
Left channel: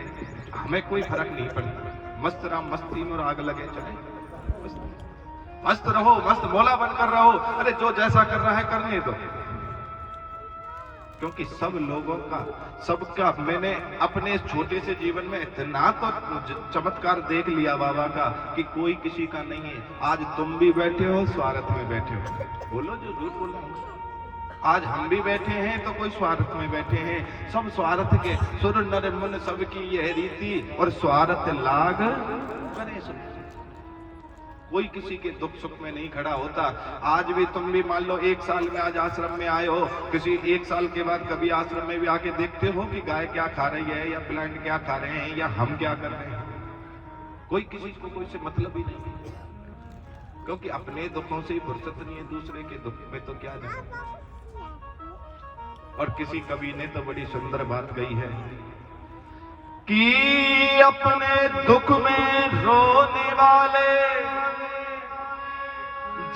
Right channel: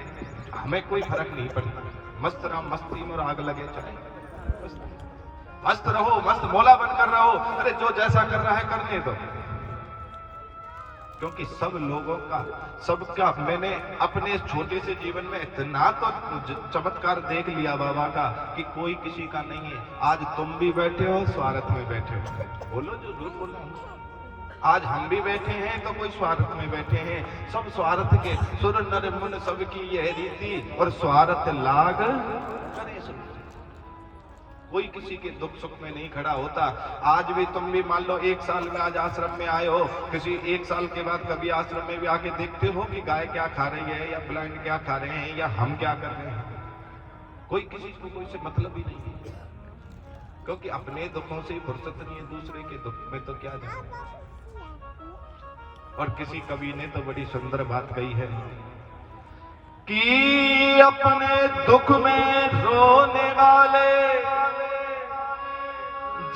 हमें कोई फर्क नहीं पड़ता, मस्त रहो, मस्ती में आग लगे चले, मस्त रहो, मस्त मौला बनकर रहो। अरे जो जैसा कर रहा है करने दो, क्योंकि सब लोगों का, सबका मैंने अपने छोटे से जीवन में इतना तो चमत्कार देख लिया बाबा का कि कोई किसी का नहीं है। आज तुम भी बैठे हो स्वार्थ में बैठे हो, बोलो जो झूठ बोल रहा हूं। आज हम भी बैठे हैं तो कोई स्वार्थ में बैठे हैं, सब स्वार्थ के। सुर नर मुन सबकी यह रीति और स्वार्थ लाग करे सब। कोई किसी के दुख सुख में नहीं खड़ा होता। आज भी तुम भी मान लो 1 साल में आज आश्रम में आए हो, किसी 1 साल के बाद कभी आश्रम में भी आके देखते हो कि गाय क्या खा रही है या प्लांट क्या खा रहे हैं या हम क्या कर रहे हैं? कोई किसी को कोई से मतलब ही नहीं है, क्योंकि अपने दुखों से ही फुर्सत नहीं है, दूसरे के दुख में तो क्या जाए। और किसी कवि ने तो बड़ी सुंदर बात कही है कि अपने दुख में रोने वाले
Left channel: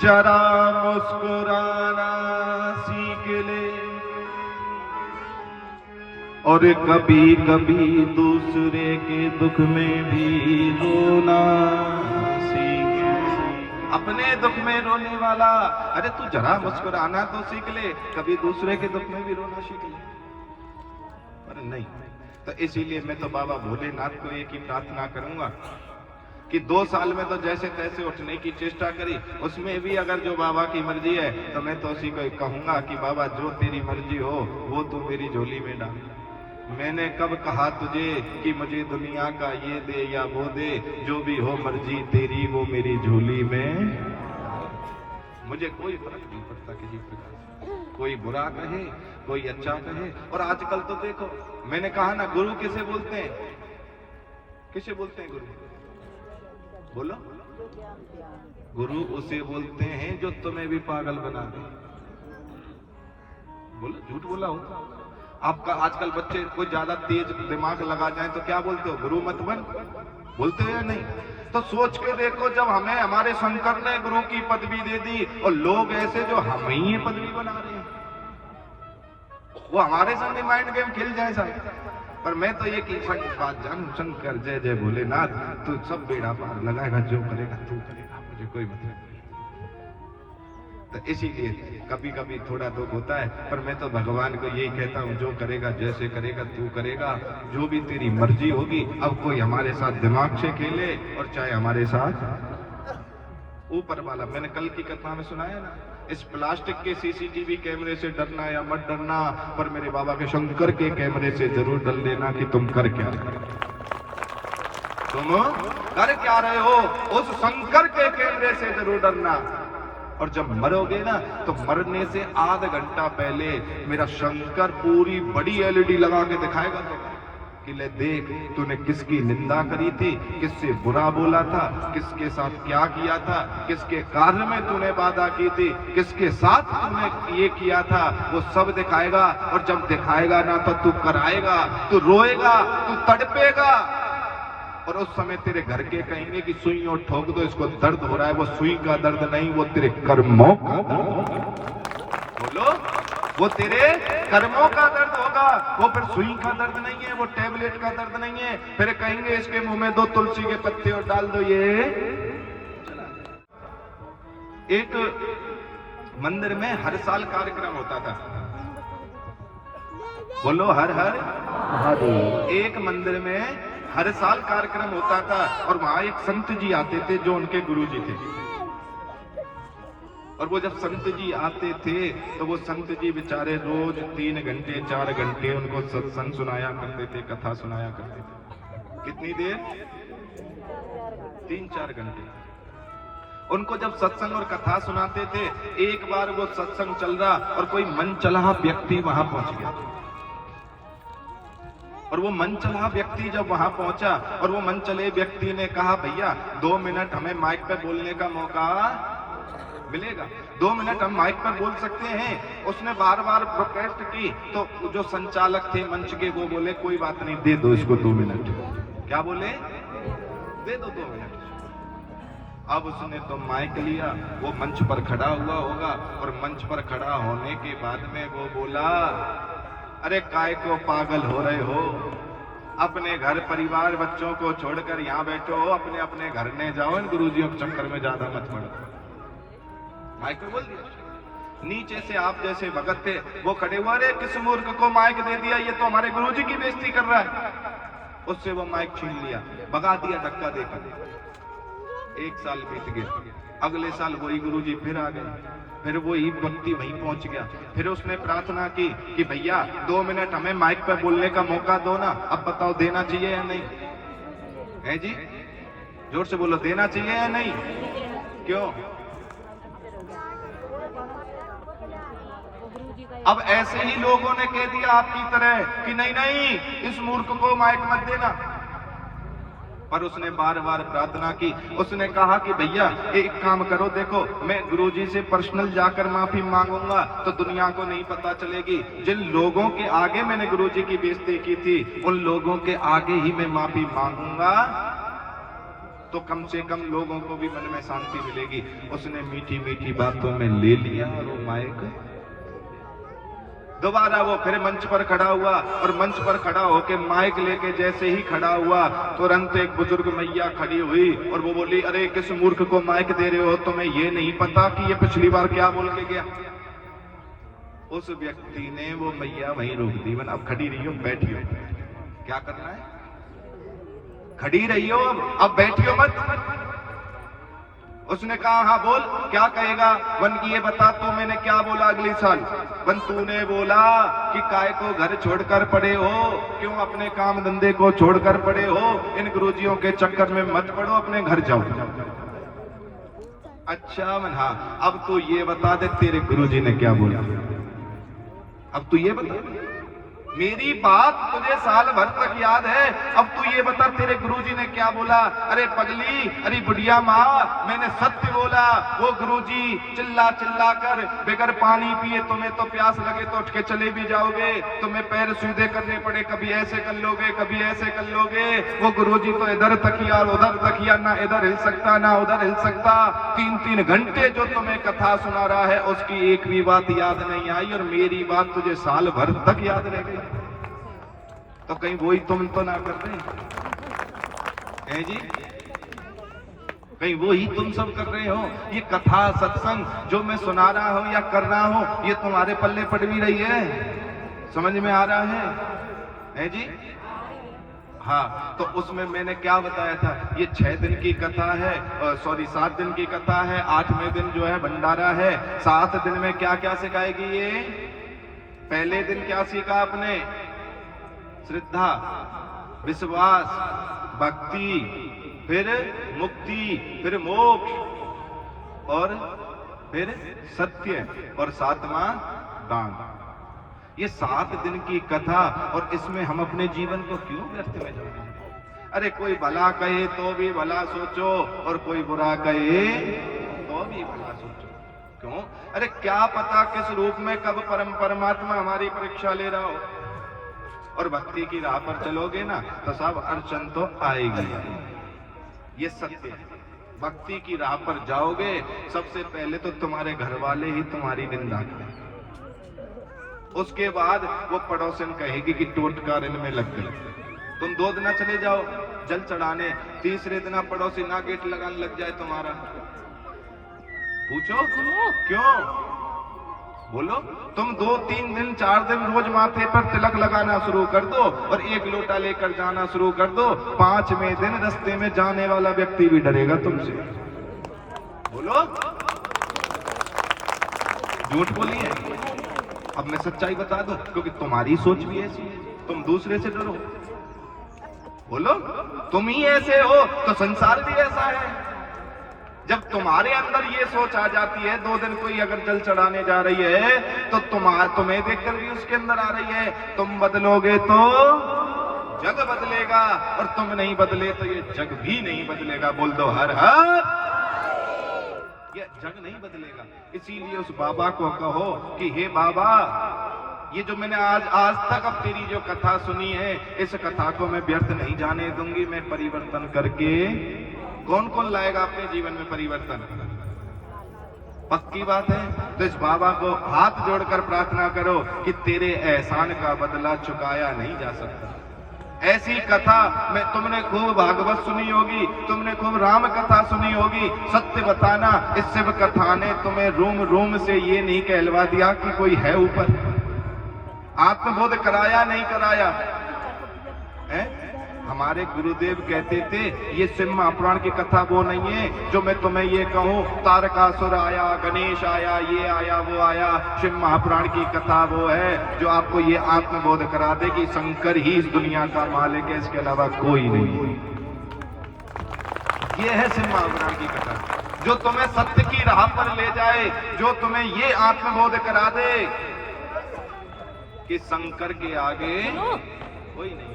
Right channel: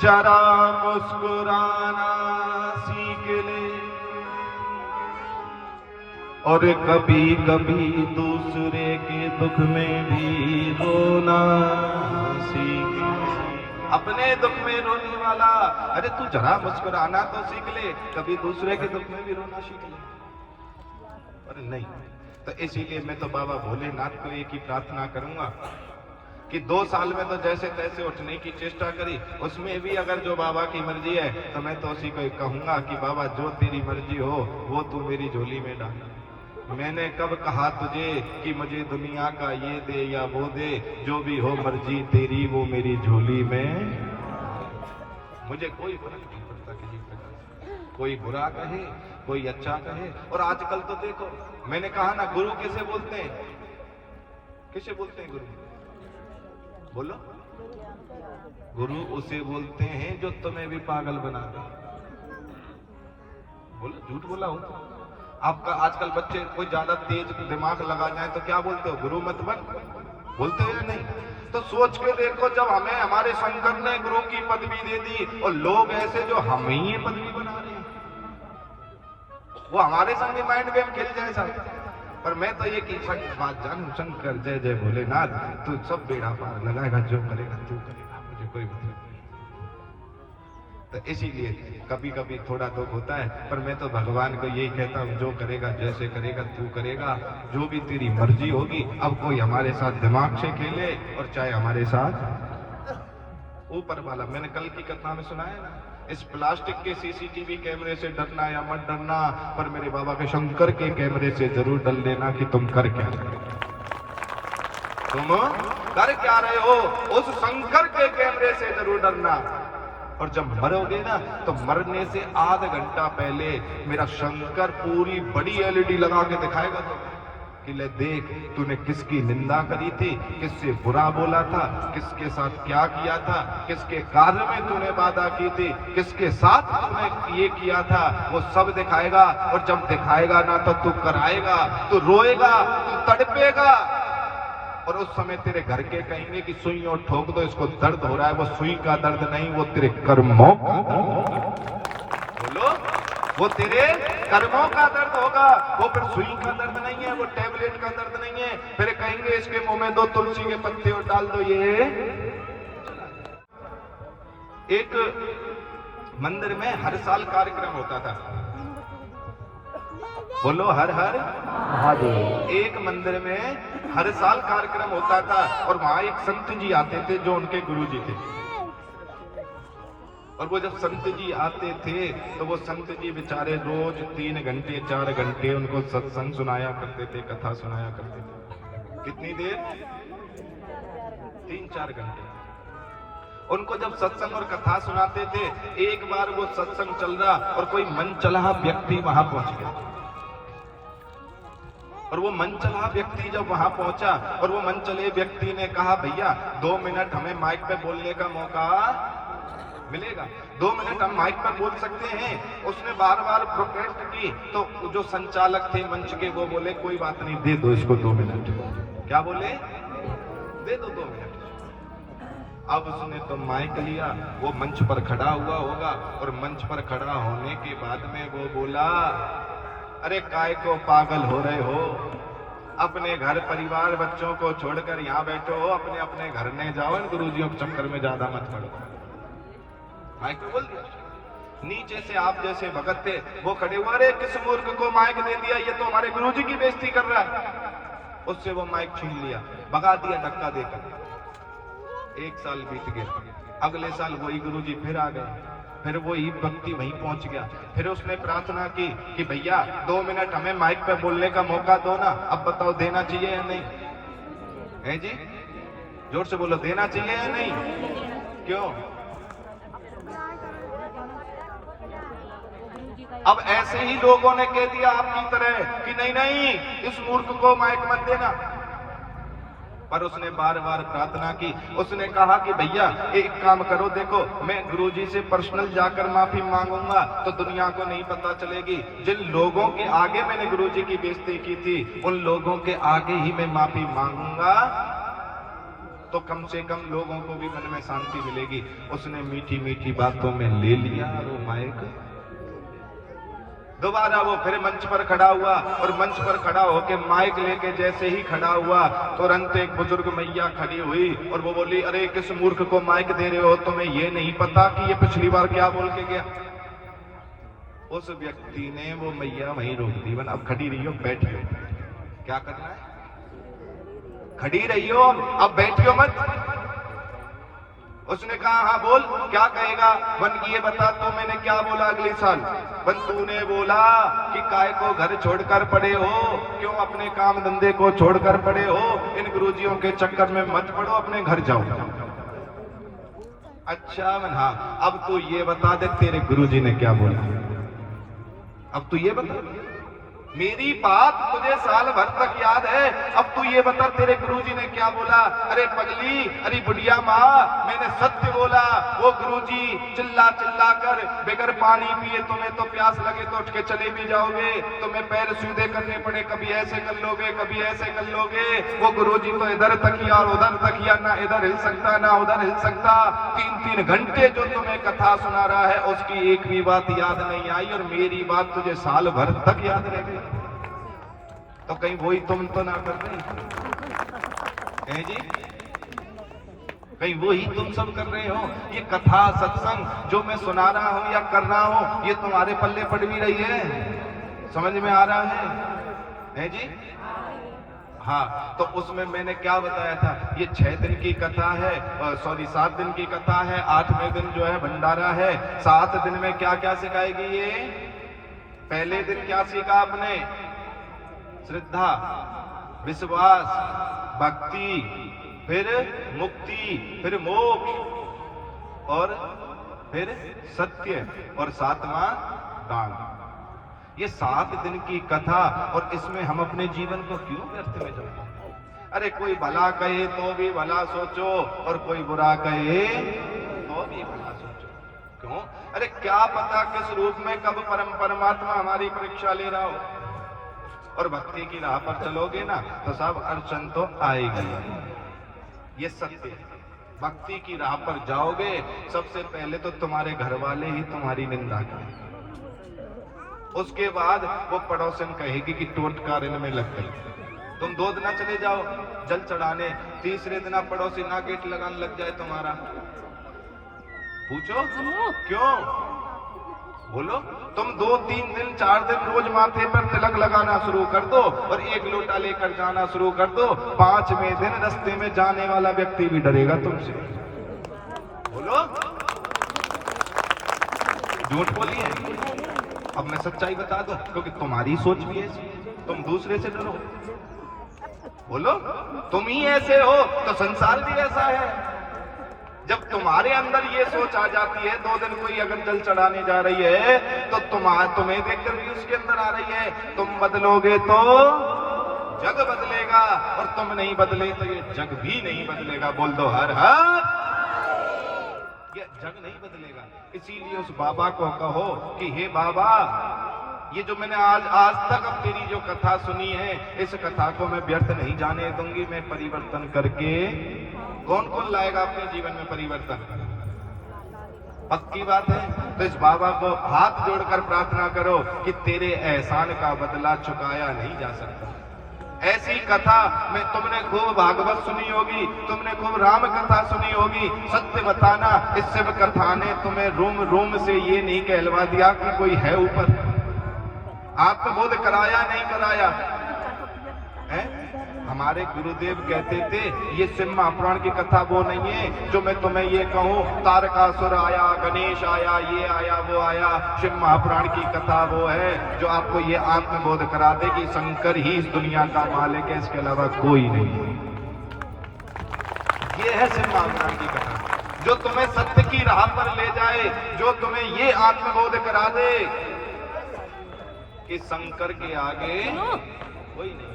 जरा मुस्कुराना सीख ले, और कभी कभी दूसरे के दुख में भी रोना सीख ले। अपने दुख में रोने वाला, अरे तू जरा मुस्कुराना तो सीख ले, कभी दूसरे के दुख में भी रोना सीख ले। अरे नहीं, तो इसीलिए मैं तो बाबा भोलेनाथ को एक ही प्रार्थना करूंगा कि 2 साल में तो जैसे तैसे उठने की चेष्टा करी, उसमें भी अगर जो बाबा की मर्जी है तो मैं तो उसी को कहूंगा कि बाबा जो तेरी मर्जी हो वो तू मेरी झोली में डाल। मैंने कब कहा तुझे कि मुझे दुनिया का ये दे या वो दे, जो भी हो मर्जी तेरी वो मेरी झोली में। मुझे कोई फर्क नहीं पड़ता किसी प्रकार से, कोई बुरा कहे कोई अच्छा कहे। और आजकल तो देखो, मैंने कहा ना, गुरु किसे बोलते हैं? किसे बोलते हैं गुरु? बोलो। गुरु उसे बोलते हैं जो तुम्हें भी पागल बना दे। बोलो, झूठ बोला हो? आपका आजकल बच्चे कोई ज्यादा तेज दिमाग लगा जाए तो क्या बोलते हो? गुरु मत बन, बोलते हो या नहीं? तो सोच के देखो, जब हमें हमारे शंकर ने गुरु की पदवी दे दी और लोग ऐसे जो हम ही ये पदवी बना रहे हैं, वो हमारे संग माइंड गेम खेल जाए साहब। पर मैं तो ये की बात जानू, शंकर जय जय भोलेनाथ, तू सब बेड़ा पार लगाएगा, जो करेगा तू करेगा, मुझे कोई मतलब नहीं। तो इसीलिए कभी कभी थोड़ा दुख होता है, पर मैं तो भगवान को यही कहता हूँ, जो करेगा जैसे करेगा तू करेगा, जो भी तेरी मर्जी होगी। अब कोई हमारे साथ दिमाग से खेले और चाहे हमारे साथ ऊपर वाला। मैंने कल की कथा में सुनाया ना, इस प्लास्टिक के सीसीटीवी कैमरे से डरना या मत डरना, पर मेरे बाबा के शंकर के कैमरे से जरूर डर लेना कि तुम कर क्या रहे हो, तुम कर क्या रहे हो। उस शंकर के कैमरे से जरूर डरना। और जब मरोगे ना, तो मरने से आधा घंटा पहले मेरा शंकर पूरी बड़ी एलईडी लगा के दिखाएगा तो कि ले देख, तूने किसकी निंदा करी थी, किससे बुरा बोला था, किसके साथ क्या किया था, किसके कार्य में तूने बाधा की थी, किसके साथ तूने ये किया था, वो सब दिखाएगा। और जब दिखाएगा ना, तो तू कराएगा, तू रोएगा, तू तड़पेगा। और उस समय तेरे घर के कहेंगे कि सुइयों ठोक दो, इसको दर्द हो रहा है। वो सुई का दर्द नहीं, वो तेरे कर्मों का दर्द। बोलो, वो तेरे कर्मों का दर्द होगा, वो फिर सुई का दर्द नहीं है, वो टैबलेट का दर्द नहीं है। फिर कहेंगे इसके मुंह में 2 तुलसी के पत्ते और डाल दो, ये। एक मंदिर में हर साल कार्यक्रम होता था। बोलो, हर हर महादेव। एक मंदिर में हर साल कार्यक्रम होता था और वहां एक संत जी आते थे जो उनके गुरु जी थे। और वो जब संत जी आते थे तो वो संत जी बेचारे रोज 3 घंटे 4 घंटे उनको सत्संग सुनाया करते थे, कथा सुनाया करते थे। कितनी देर? 3-4 घंटे उनको जब सत्संग और कथा सुनाते थे। एक बार वो सत्संग चल रहा और कोई मनचला व्यक्ति वहां पहुंच गया। और वो मनचला व्यक्ति जब वहां पहुंचा और वो मनचले व्यक्ति ने कहा, भैया 2 मिनट हमें माइक पे बोलने का मौका मिलेगा, 2 मिनट हम माइक पर बोल सकते हैं। उसने बार बार प्रोटेस्ट की तो जो संचालक थे मंच के, वो बोले कोई बात नहीं, दे दो इसको 2 मिनट। क्या बोले? दे दो 2 मिनट। अब उसने तो माइक लिया, वो मंच पर खड़ा हुआ होगा और मंच पर खड़ा होने के बाद में वो बोला, अरे काय को पागल हो रहे हो, अपने घर परिवार बच्चों को छोड़कर यहाँ बैठो हो, अपने अपने घर में जाओ, इन गुरुजियों के चक्कर में ज्यादा मत पड़ो। माइक पे बोल दिया। नीचे से आप जैसे भगत थे वो खड़े हुए, अरे किस मूर्ख को माइक दे दिया, ये तो हमारे गुरुजी की बेइज्जती कर रहा है। उससे वो माइक छीन लिया, भगा दिया धक्का देकर। 1 साल बीत गया, अगले साल वही गुरुजी फिर आ गए, फिर वो ही व्यक्ति वहीं पहुंच गया। फिर उसने प्रार्थना की कि भैया 2 मिनट हमें माइक पे बोलने का मौका दो ना। अब बताओ देना चाहिए या नहीं? है जी, जोर से बोलो, देना चाहिए या नहीं? क्यों? अब ऐसे ही लोगों ने कह दिया आपकी तरह कि नहीं नहीं, इस मूर्ख को माइक मत देना। पर उसने बार बार प्रार्थना की। उसने कहा कि भैया एक काम करो, देखो मैं गुरुजी से पर्सनल जाकर माफी मांगूंगा तो दुनिया को नहीं पता चलेगी। जिन लोगों के आगे मैंने गुरुजी की बेइज्जती की थी, उन लोगों के आगे ही मैं माफी मांगूंगा, तो कम से कम लोगों को भी मन में शांति मिलेगी। उसने मीठी मीठी बातों में ले लिया वो माइक। दोबारा वो फिर मंच पर खड़ा हुआ और मंच पर खड़ा होकर माइक लेके जैसे ही खड़ा हुआ, तुरंत एक बुजुर्ग मैया खड़ी हुई और वो बोली, अरे किस मूर्ख को माइक दे रहे हो, तुम्हें ये नहीं पता कि ये पिछली बार क्या बोल के गया? उस व्यक्ति ने वो मैया वहीं रोक दी। अब खड़ी रही हो, बैठियो, क्या करना है? खड़ी रही हो, अब बैठियो मत। उसने कहा हाँ बोल, क्या कहेगा? वन की ये बता तू मैंने क्या बोला अगले साल? वन तूने बोला कि काय को घर छोड़कर पड़े हो, क्यों अपने काम धंधे को छोड़कर पड़े हो, इन गुरुजियों के चक्कर में मत पड़ो, अपने घर जाओ। अच्छा वन, हाँ अब तू ये बता दे तेरे गुरुजी ने क्या बोला? अब तू ये बता, मेरी बात तुझे साल भर तक याद है, अब तू ये बता तेरे गुरुजी ने क्या बोला? अरे पगली, अरे बुढ़िया माँ, मैंने सत्य बोला। वो गुरुजी चिल्ला चिल्ला कर बगैर पानी पिए तुम्हें तो प्यास लगे तो उठ के चले भी जाओगे, तुम्हें पैर सीधे करने पड़े, कभी ऐसे कर लोगे कभी ऐसे कर लोगे। वो गुरुजी तो इधर तकिया और उधर तकिया, ना इधर हिल सकता ना उधर हिल सकता। 3-3 घंटे जो तुम्हें कथा सुना रहा है उसकी एक भी बात याद नहीं आई, और मेरी बात तुझे साल भर तक याद रहेगी। तो कहीं वही तुम तो ना कर रहे हैं जी? कहीं वही तुम सब कर रहे हो? ये कथा सत्संग जो मैं सुना रहा हूं या कर रहा हूं, ये तुम्हारे पल्ले पड़ भी रही है? समझ में आ रहा है जी? हाँ, तो उसमें मैंने क्या बताया था? ये 6 दिन की कथा है, 7 दिन की कथा है। 8वें दिन जो है भंडारा है। 7 दिन में क्या क्या सिखाएगी ये? पहले दिन क्या सीखा आपने? श्रद्धा, विश्वास, भक्ति, फिर मुक्ति, फिर मोक्ष, और फिर सत्य, और 7वां दान। ये 7 दिन की कथा, और इसमें हम अपने जीवन को क्यों व्यर्थ में जाते? अरे कोई भला कहे तो भी भला सोचो, और कोई बुरा कहे तो भी भला सोचो। क्यों? अरे क्या पता किस रूप में कब परमात्मा हमारी परीक्षा ले रहा हो। और भक्ति की राह पर चलोगे ना तो सब अड़चन तो आएगी, ये सत्य है। भक्ति की राह पर जाओगे, सबसे पहले तो तुम्हारे घर वाले ही तुम्हारी निंदा करेंगे, उसके बाद वो पड़ोसन कहेगी कि टोटकार इनमें लग गई। तुम 2 दिन चले जाओ जल चढ़ाने, तीसरे दिन पड़ोसी ना गेट लगाने लग जाए तुम्हारा, पूछो क्यों? बोलो। तुम 2-3 दिन 4 दिन रोज माथे पर तिलक लगाना शुरू कर दो, और 1 लोटा लेकर जाना शुरू कर दो। 5वें दिन रास्ते में जाने वाला व्यक्ति भी डरेगा तुमसे। बोलो, झूठ बोलिए। अब मैं सच्चाई बता दूं, क्योंकि तुम्हारी सोच भी ऐसी है, तुम दूसरे से डरो। बोलो, तुम ही ऐसे हो तो संसार भी ऐसा है। जब तुम्हारे अंदर ये सोच आ जाती है, 2 दिन कोई अगर जल चढ़ाने जा रही है तो तुम्हें देखकर भी उसके अंदर आ रही है, तुम बदलोगे तो जग बदलेगा, और तुम नहीं बदले तो ये जग भी नहीं बदलेगा। बोल दो हर हर। ये जग नहीं बदलेगा। इसीलिए उस बाबा को कहो कि हे बाबा, ये जो मैंने आज तक अब तेरी जो कथा सुनी है, इस कथा को मैं व्यर्थ नहीं जाने दूंगी। मैं परिवर्तन करके, कौन कौन लाएगा अपने जीवन में परिवर्तन? पक्की बात है। तो इस बाबा को हाथ जोड़कर प्रार्थना करो कि तेरे एहसान का बदला चुकाया नहीं जा सकता। ऐसी कथा में तुमने खूब भागवत सुनी होगी, तुमने खूब राम कथा सुनी होगी। सत्य बताना, इस शिव कथा ने तुम्हें रूम रूम से ये नहीं कहलवा दिया कि कोई है ऊपर। आत्मबोध कराया नहीं कराया है? हमारे गुरुदेव कहते थे ये शिव महापुराण की कथा वो नहीं है जो मैं तुम्हें ये कहूं तारकासुर आया, गणेश आया, ये आया वो आया। शिव महापुराण की कथा वो है जो आपको ये आत्मबोध करा दे कि शंकर ही इस दुनिया का मालिक है, इसके अलावा कोई नहीं। ये है शिव महापुराण की कथा जो तुम्हें सत्य की राह पर ले जाए, जो तुम्हें ये आत्मबोध करा दे कि शंकर के आगे कोई नहीं।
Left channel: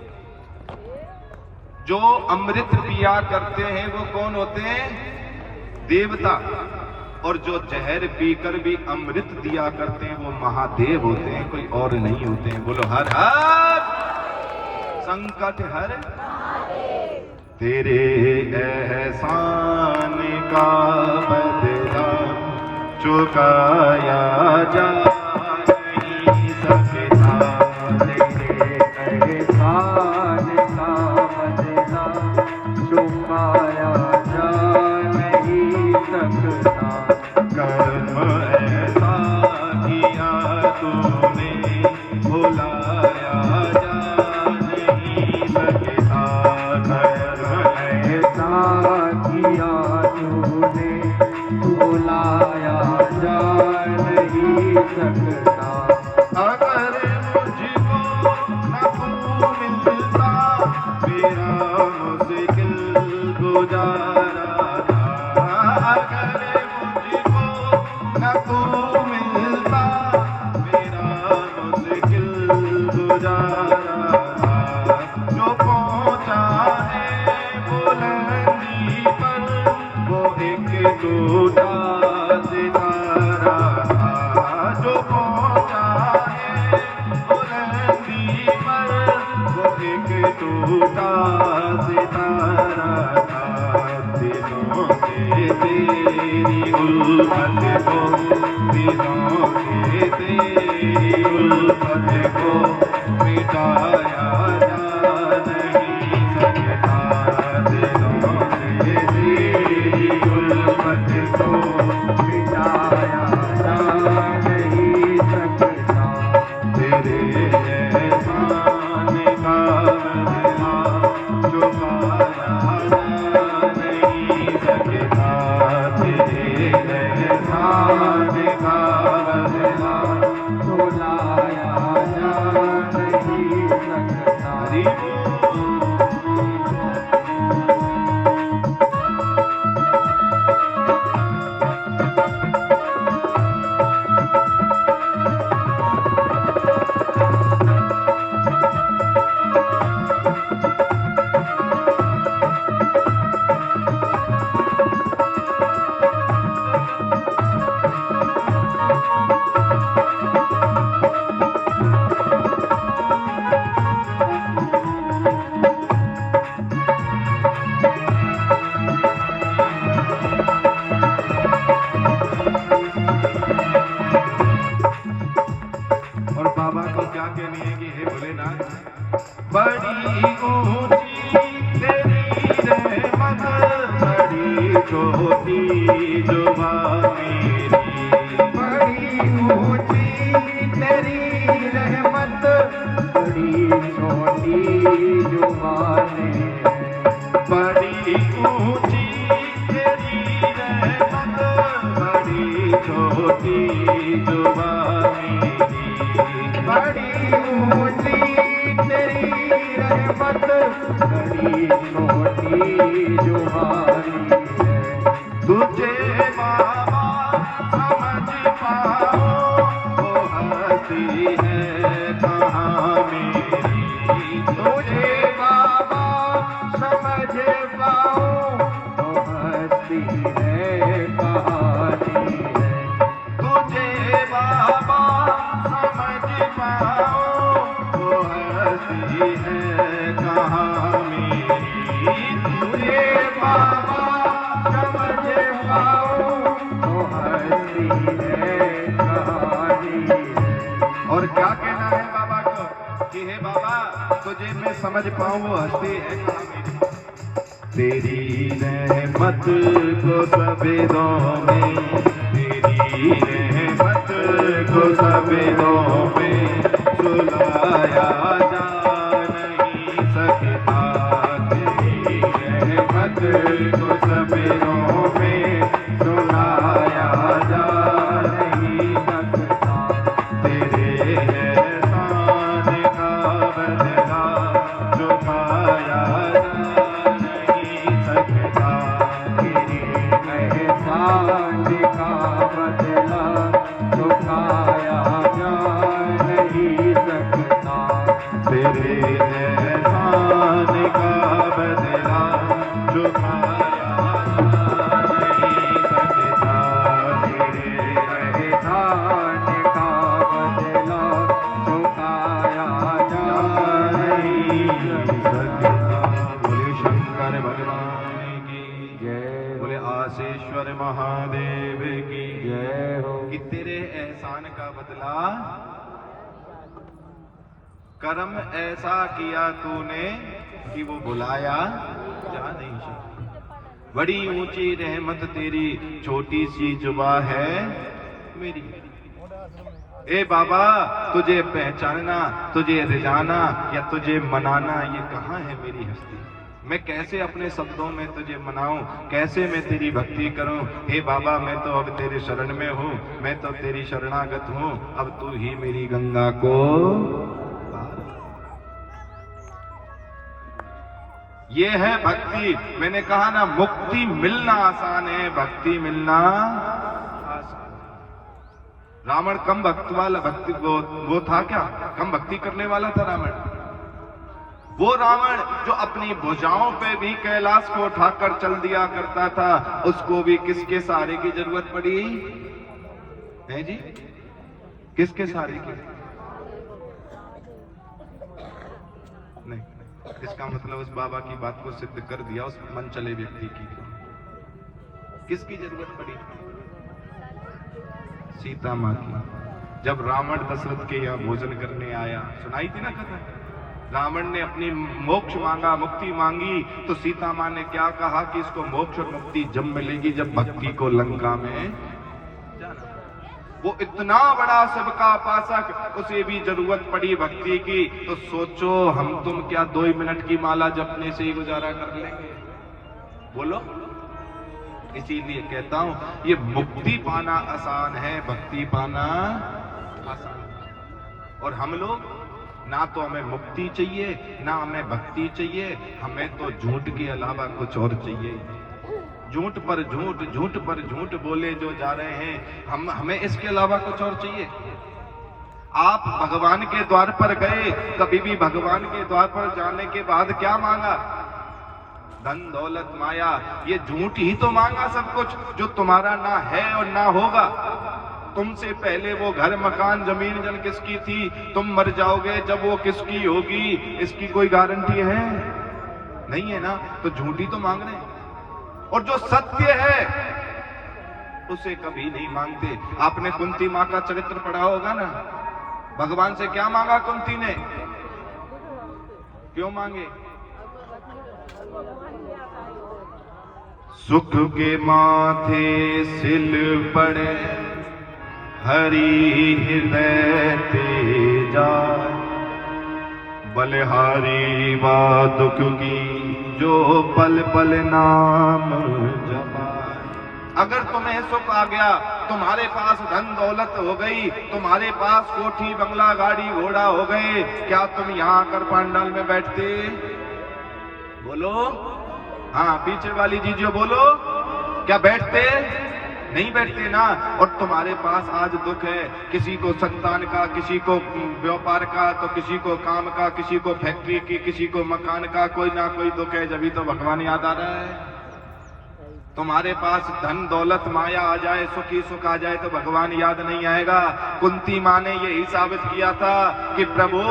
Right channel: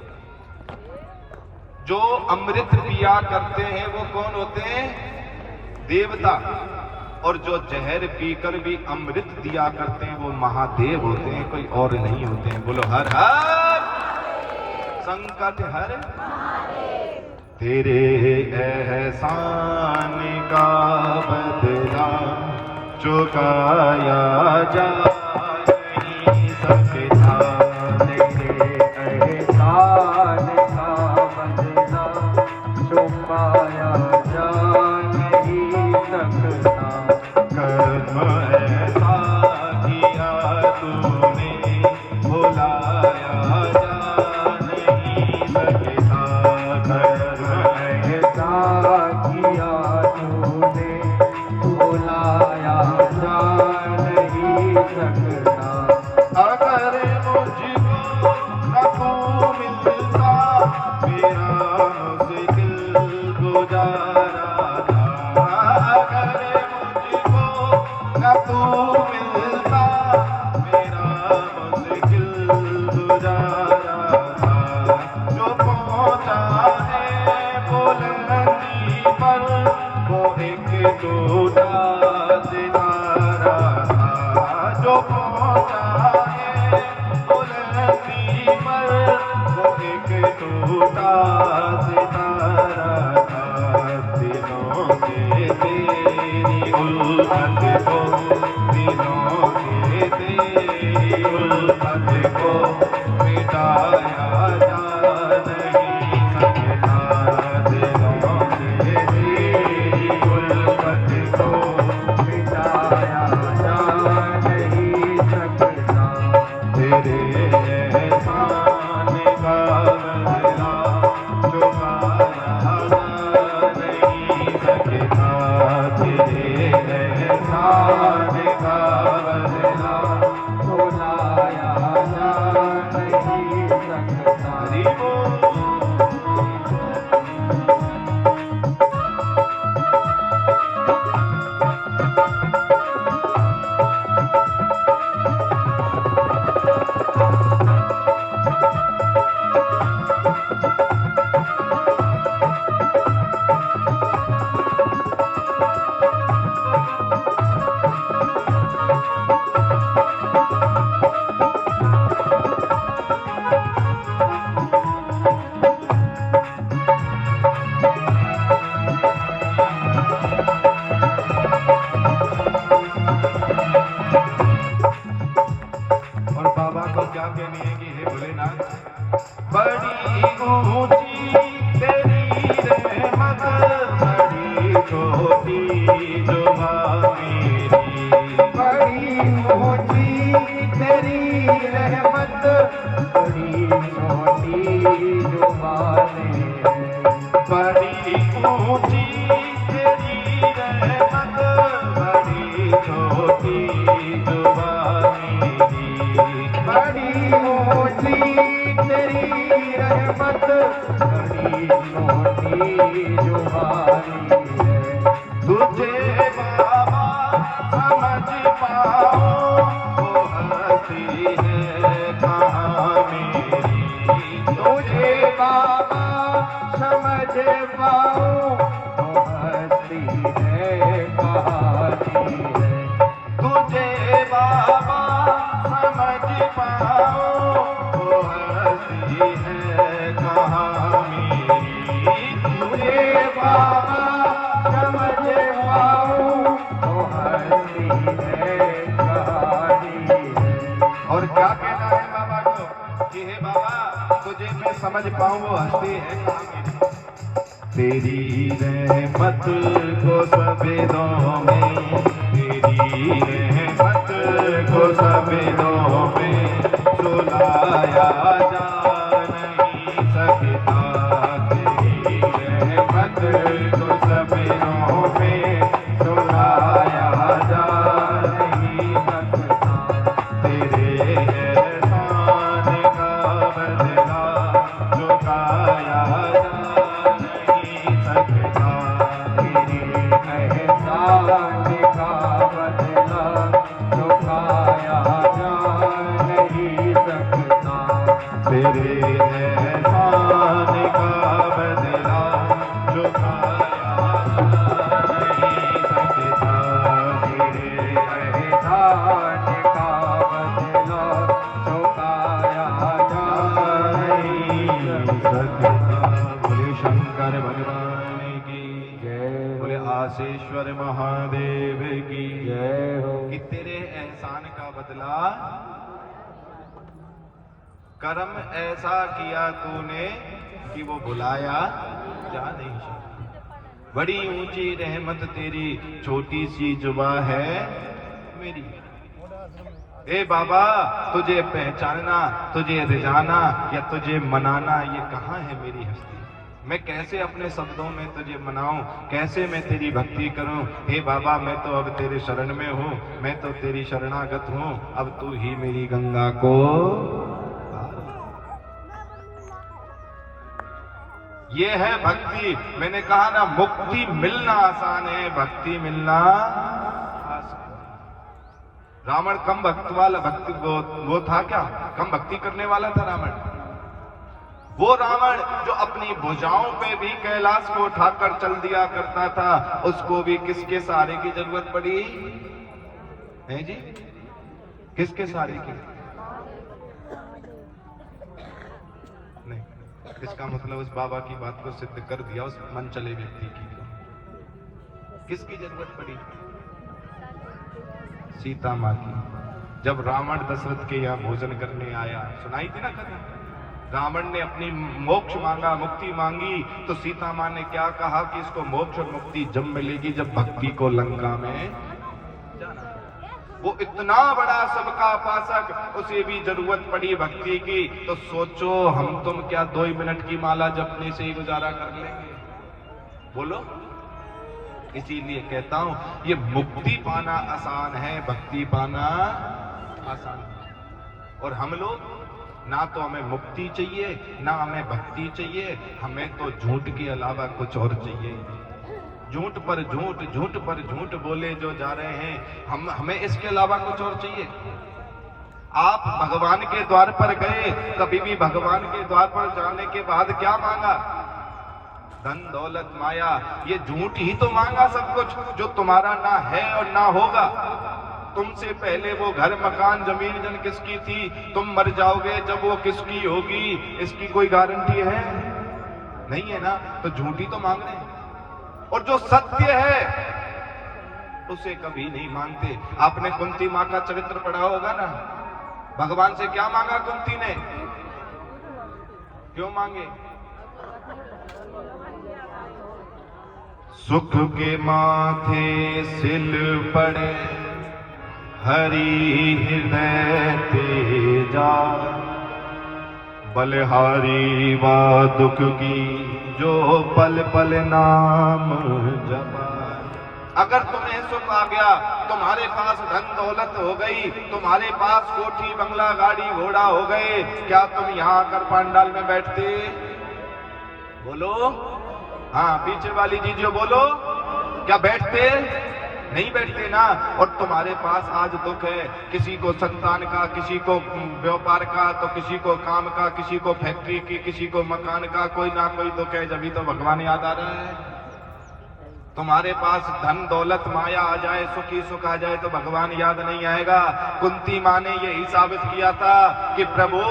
जो अमृत पिया करते हैं वो कौन होते हैं? देवता। और जो जहर पीकर भी अमृत दिया करते हैं वो महादेव होते हैं, कोई और नहीं होते हैं। बोलो हर हर। संकट हर तेरे एहसान का बदला चुकाया जा नहीं सकता। तेरे एहसान का बदला चुकाया जा नहीं सकता। कर्म ऐसा किया तूने भुलाया जा नहीं सकता। कर्म ऐसा किया तूने तेरी उल्फत को दिनों से तेरी उल्फत को मिटाया जा नहीं सकता दिनों से तेरी उल्फत को मिटाया जा नहीं सकता तेरे एहसान का बदला चुकाया जा नहीं सकता तेरे एहसान का बदला चुकाया जा नहीं सकता। हरि बोल। और बाबा को क्या कहनी है कि हे भोलेनाथ, बड़ी ऊंची तेरी रहमत, बड़ी छोटी जुबा मेरी, बड़ी ऊंची तेरी रहमत, बड़ी छोटी जुबा मेरी, बड़ी ऊंची तेरी रहमत, बड़ी छोटी जुबा मेरी, बड़ी ऊंची तेरी रहमत, बड़ी छोटी जुबानी तुझे बाबा समझ पाओ वो हंसी है कहाँ मेरी, तुझे बाबा समझ पाओ वो हंसी है कहानी है, तुझे बाबा समझ पाओ वो हंसी है कहाँ मेरी, तुझे बाबा समझ पाओ वो हंसी है कहानी है। और क्या कहना है बाबा को कि हे बाबा तुझे मैं समझ पाऊं वो हंसी है कहाँ मेरी, तेरी रहमत को सवेदों में, तेरी रहमत को सवेदों में सुलाया जा नहीं सकता, तेरी रहमत को सवेदों में सुलाया जा नहीं सकता, तेरे एहसान का बदला चुकाया जा नहीं सकता, तेरे एहसान का बदला चुकाया जा नहीं सकता, तेरे एहसान का बदला चुकाया जा नहीं सकता, तेरे एहसान का बदला चुकाया जा नहीं सकता। बोले शंकर भगवान की जय, बोले आशेश्वर महादेव की जय हो। कि तेरे एहसान का बदला, कर्म ऐसा किया तूने कि वो बुलाया जा नहीं सकता, बड़ी ऊंची रहमत तेरी छोटी सी जुबा है मेरी। ए बाबा तुझे पहचानना, तुझे रिझाना या तुझे मनाना ये कहाँ है मेरी हस्ती, मैं कैसे अपने शब्दों में तुझे मनाऊं, कैसे मैं तेरी भक्ति करूं। हे बाबा मैं तो अब तेरे शरण में हूं, मैं तो तेरी शरणागत हूं, अब तू ही मेरी गंगा को। ये है भक्ति। मैंने कहा ना मुक्ति मिलना आसान है, भक्ति मिलना आसान। रावण कम भक्त वाला भक्ति वो था क्या, कम भक्ति करने वाला था रावण। वो रावण जो अपनी भुजाओं पे भी कैलाश को उठाकर चल दिया करता था, उसको भी किसके सहारे की जरूरत पड़ी है जी, किसके सहारे की? नहीं, इसका मतलब उस बाबा की बात को सिद्ध कर दिया उस मन चले व्यक्ति की। किसकी जरूरत पड़ी? सीता माँ की। जब रावण दशरथ के यहाँ भोजन करने आया, सुनाई थी ना कथा, रावण ने अपनी मोक्ष मांगा, मुक्ति मांगी, तो सीता माँ ने क्या कहा कि इसको मोक्ष और मुक्ति जब मिलेगी जब भक्ति को लंका में जाना। वो इतना बड़ा सबका उपासक, उसे भी जरूरत पड़ी भक्ति की, तो सोचो हम तुम क्या 2 मिनट की माला जपने से ही गुजारा कर लेंगे? बोलो। इसीलिए कहता हूं ये मुक्ति पाना आसान है, भक्ति पाना आसान। और हम लोग ना तो हमें मुक्ति चाहिए ना हमें भक्ति चाहिए, हमें तो झूठ के अलावा कुछ और चाहिए। झूठ पर झूठ, झूठ पर झूठ बोले जो जा रहे हैं, हमें इसके अलावा कुछ और चाहिए? आप भगवान के द्वार पर गए, कभी भी भगवान के द्वार पर जाने के बाद क्या मांगा? धन दौलत माया, ये झूठ ही तो मांगा सब कुछ, जो तुम्हारा ना है और ना होगा। तुमसे पहले वो घर मकान जमीन जन किसकी थी? तुम मर जाओगे जब वो किसकी होगी, इसकी कोई गारंटी है? नहीं है ना, तो झूठी तो मांग रहे हैं। और जो सत्य है उसे कभी नहीं मांगते। आपने कुंती माँ का चरित्र पढ़ा होगा ना, भगवान से क्या मांगा कुंती ने? क्यों मांगे? सुख के माथे सिल पड़े, हरि हृदय तेजा, बलिहारी वा दुख की जो पल पल नाम जपाए। अगर तुम्हें सुख आ गया, तुम्हारे पास धन दौलत हो गई, तुम्हारे पास कोठी बंगला गाड़ी घोड़ा हो गए, क्या तुम यहाँ आकर पंडाल में बैठते? बोलो। हाँ, पीछे वाली जीजियो बोलो, क्या बैठते? नहीं बैठते ना। और तुम्हारे पास आज दुख है, किसी को संतान का, किसी को व्यापार का, तो किसी को काम का, किसी को फैक्ट्री की, किसी को मकान का, कोई ना कोई दुख है, जब तो भगवान याद आ रहा है। तुम्हारे पास धन दौलत माया आ जाए, सुखी सुख आ जाए, तो भगवान याद नहीं आएगा। कुंती माँ ने यही साबित किया था कि प्रभु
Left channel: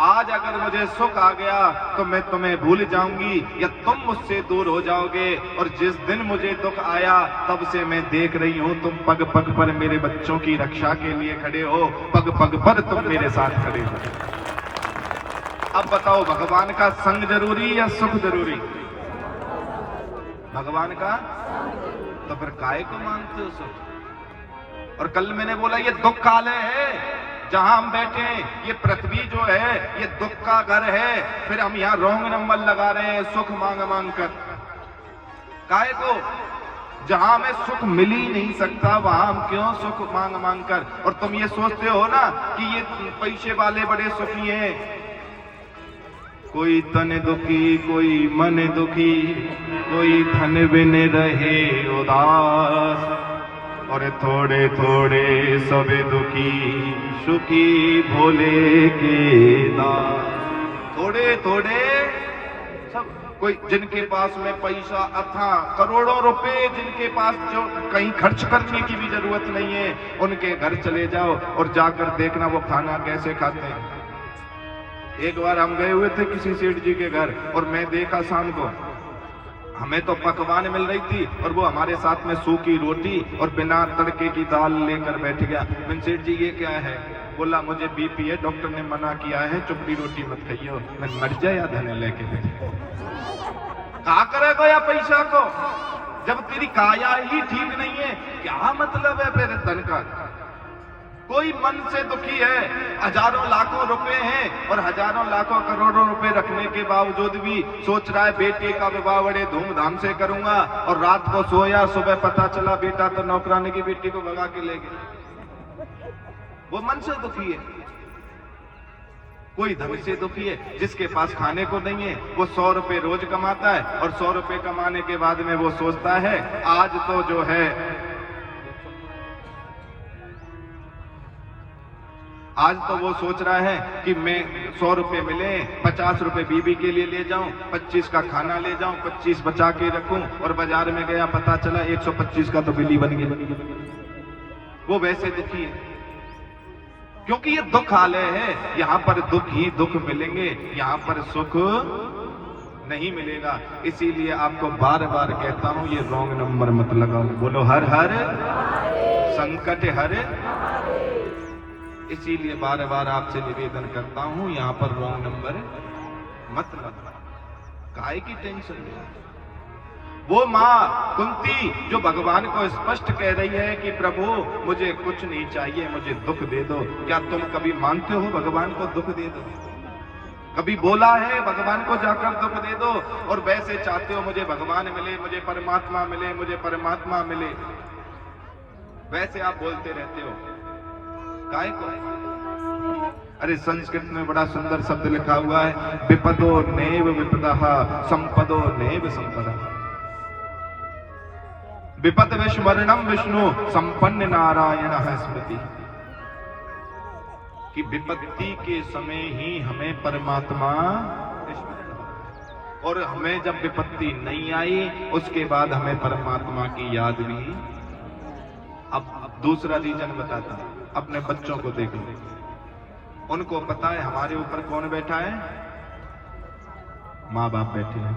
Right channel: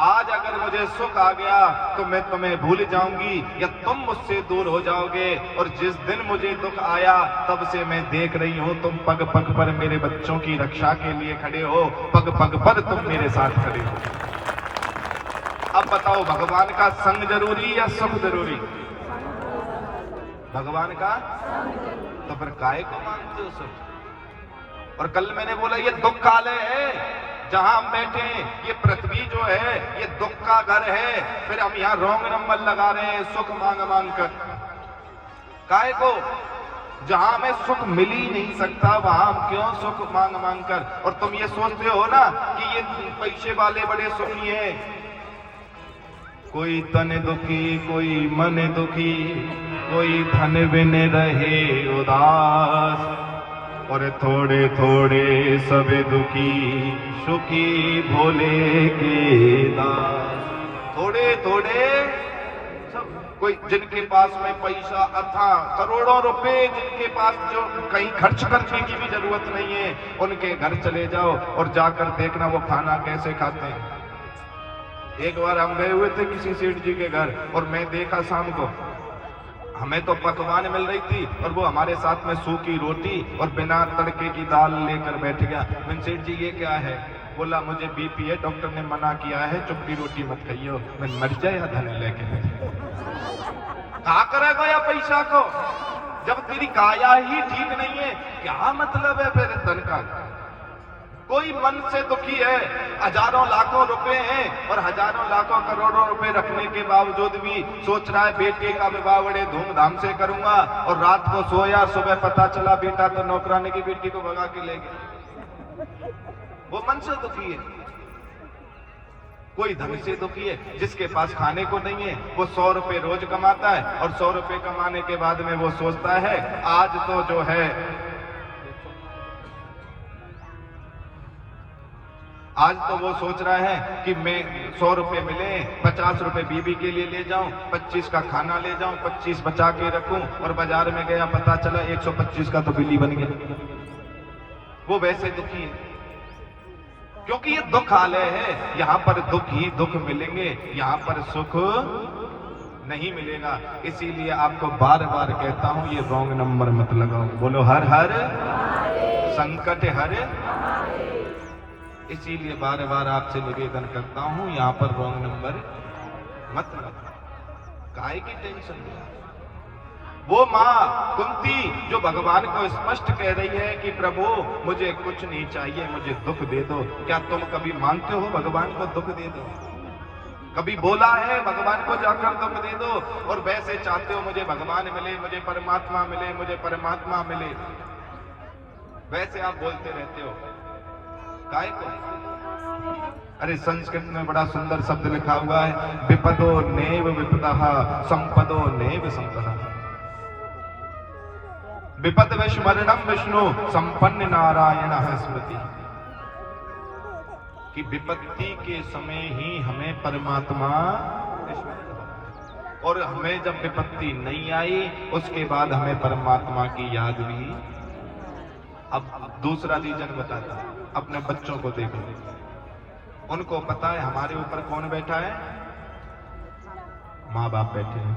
आज अगर मुझे सुख आ गया तो मैं तुम्हें भूल जाऊंगी या तुम मुझसे दूर हो जाओगे। और जिस दिन मुझे दुख आया तब से मैं देख रही हूं तुम पग पग पर मेरे बच्चों की रक्षा के लिए खड़े हो, पग पग पर तुम मेरे साथ खड़े हो। अब बताओ, भगवान का संग जरूरी या सुख जरूरी? भगवान का। तो फिर काहे को मानते हो सुख? और कल मैंने बोला ये दुख काले है, जहां हम बैठे हैं ये पृथ्वी जो है ये दुख का घर है, फिर हम यहाँ रॉन्ग नंबर लगा रहे हैं सुख मांग मांग कर। काहे को? जहां हमें सुख मिल ही नहीं सकता वहां हम क्यों सुख मांग मांग कर? और तुम ये सोचते हो ना कि ये पैसे वाले बड़े सुखी हैं। कोई तन दुखी, कोई मन दुखी, कोई धन बिन रहे उदास, और थोड़े थोड़े सब दुखी, सुखी भोले के दास। थोड़े थोड़े सब, कोई जिनके पास में पैसा अथा करोड़ों रुपए, जिनके पास जो कहीं खर्च करने की भी जरूरत नहीं है, उनके घर चले जाओ और जाकर देखना वो खाना कैसे खाते हैं। एक बार हम गए हुए थे किसी सेठ जी के घर और मैं देखा शाम को हमें तो पकवान मिल रही थी और वो हमारे साथ में सूखी रोटी और बिना तड़के की दाल लेकर बैठ गया। मैंने सेठ जी ये क्या है? बोला मुझे बीपी है, डॉक्टर ने मना किया है, चुपड़ी रोटी मत खाइयो। मैं मर जाए या धन लेके बैठे। क्या करेगा या पैसा को? जब तेरी काया ही ठीक नहीं है क्या मतलब है फिर धन का? कोई मन से दुखी है, हजारों लाखों रुपए हैं और हजारों लाखों करोड़ों रुपए रखने के बावजूद भी सोच रहा है बेटे का विवाह बड़े धूमधाम से करूंगा, और रात को सोया, सुबह पता चला बेटा तो नौकरानी की बेटी को भगा के ले गया। वो मन से दुखी है। कोई धन से दुखी है, जिसके पास खाने को नहीं है वो 100 रुपए रोज कमाता है और 100 रुपए कमाने के बाद में वो सोचता है आज तो जो है आज तो वो सोच रहा है कि मैं 100 रुपए मिले, 50 रुपए बीबी के लिए ले जाऊं, 25 का खाना ले जाऊं, 25 बचा के रखूं, और बाजार में गया पता चला 125 का तो बिल्ली बन गया। वो वैसे दुखी है क्योंकि ये दुख आलय है। यहाँ पर दुख ही दुख मिलेंगे, यहाँ पर सुख नहीं मिलेगा। इसीलिए आपको बार बार कहता हूं ये रॉन्ग नंबर मत लगाओ। बोलो हर हर संकट हर। इसीलिए बार बार आपसे निवेदन करता हूं यहाँ पर रॉन्ग नंबर मत लगाओ। काहे की टेंशन ले? वो माँ कुंती जो भगवान को स्पष्ट कह रही है कि प्रभु मुझे कुछ नहीं चाहिए, मुझे दुख दे दो। क्या तुम कभी मांगते हो भगवान को दुख दे दो? कभी बोला है भगवान को जाकर दुख दे दो? और वैसे चाहते हो मुझे भगवान मिले, मुझे परमात्मा मिले, मुझे परमात्मा मिले, वैसे आप बोलते रहते हो। काहे को? अरे संस्कृत में बड़ा सुंदर शब्द लिखा हुआ है, विपदो नैव विपदः संपदो नैव संपदः। विपद विस्मरणम विष्णु संपन्न नारायण स्मृति। कि विपत्ति के समय ही हमें परमात्मा स्मरण हो, और हमें जब विपत्ति नहीं आई उसके बाद हमें परमात्मा की याद नहीं। अब दूसरा रीजन बताता हूं, अपने बच्चों को देख लो, उनको पता है हमारे ऊपर कौन बैठा है? माँ बाप बैठे हैं।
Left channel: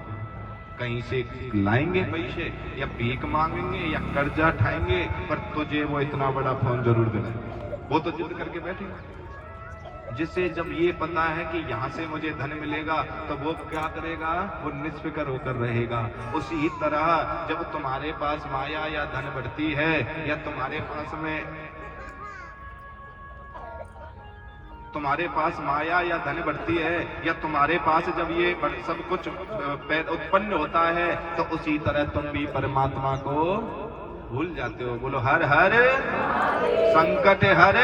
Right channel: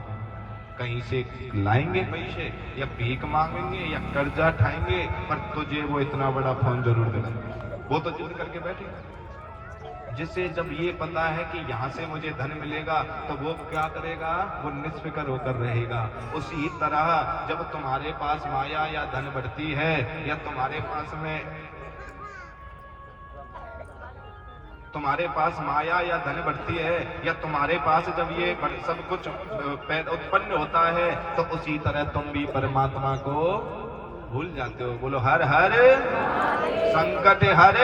कहीं से लाएंगे पैसे या भीख मांगेंगे या कर्जा उठाएंगे, पर तुझे वो इतना बड़ा फोन जरूर दिलाएंगे। वो तो जिद करके बैठेगा। जिससे जब ये पता है कि यहाँ से मुझे धन मिलेगा तो वो क्या करेगा? वो निष्फिक्र होकर रहेगा। उसी तरह जब तुम्हारे पास माया या धन बढ़ती है, या तुम्हारे पास माया या धन बढ़ती है, या तुम्हारे पास जब ये सब कुछ उत्पन्न होता है, तो उसी तरह तुम भी परमात्मा को भूल जाते हो। बोलो हर हर संकट हर।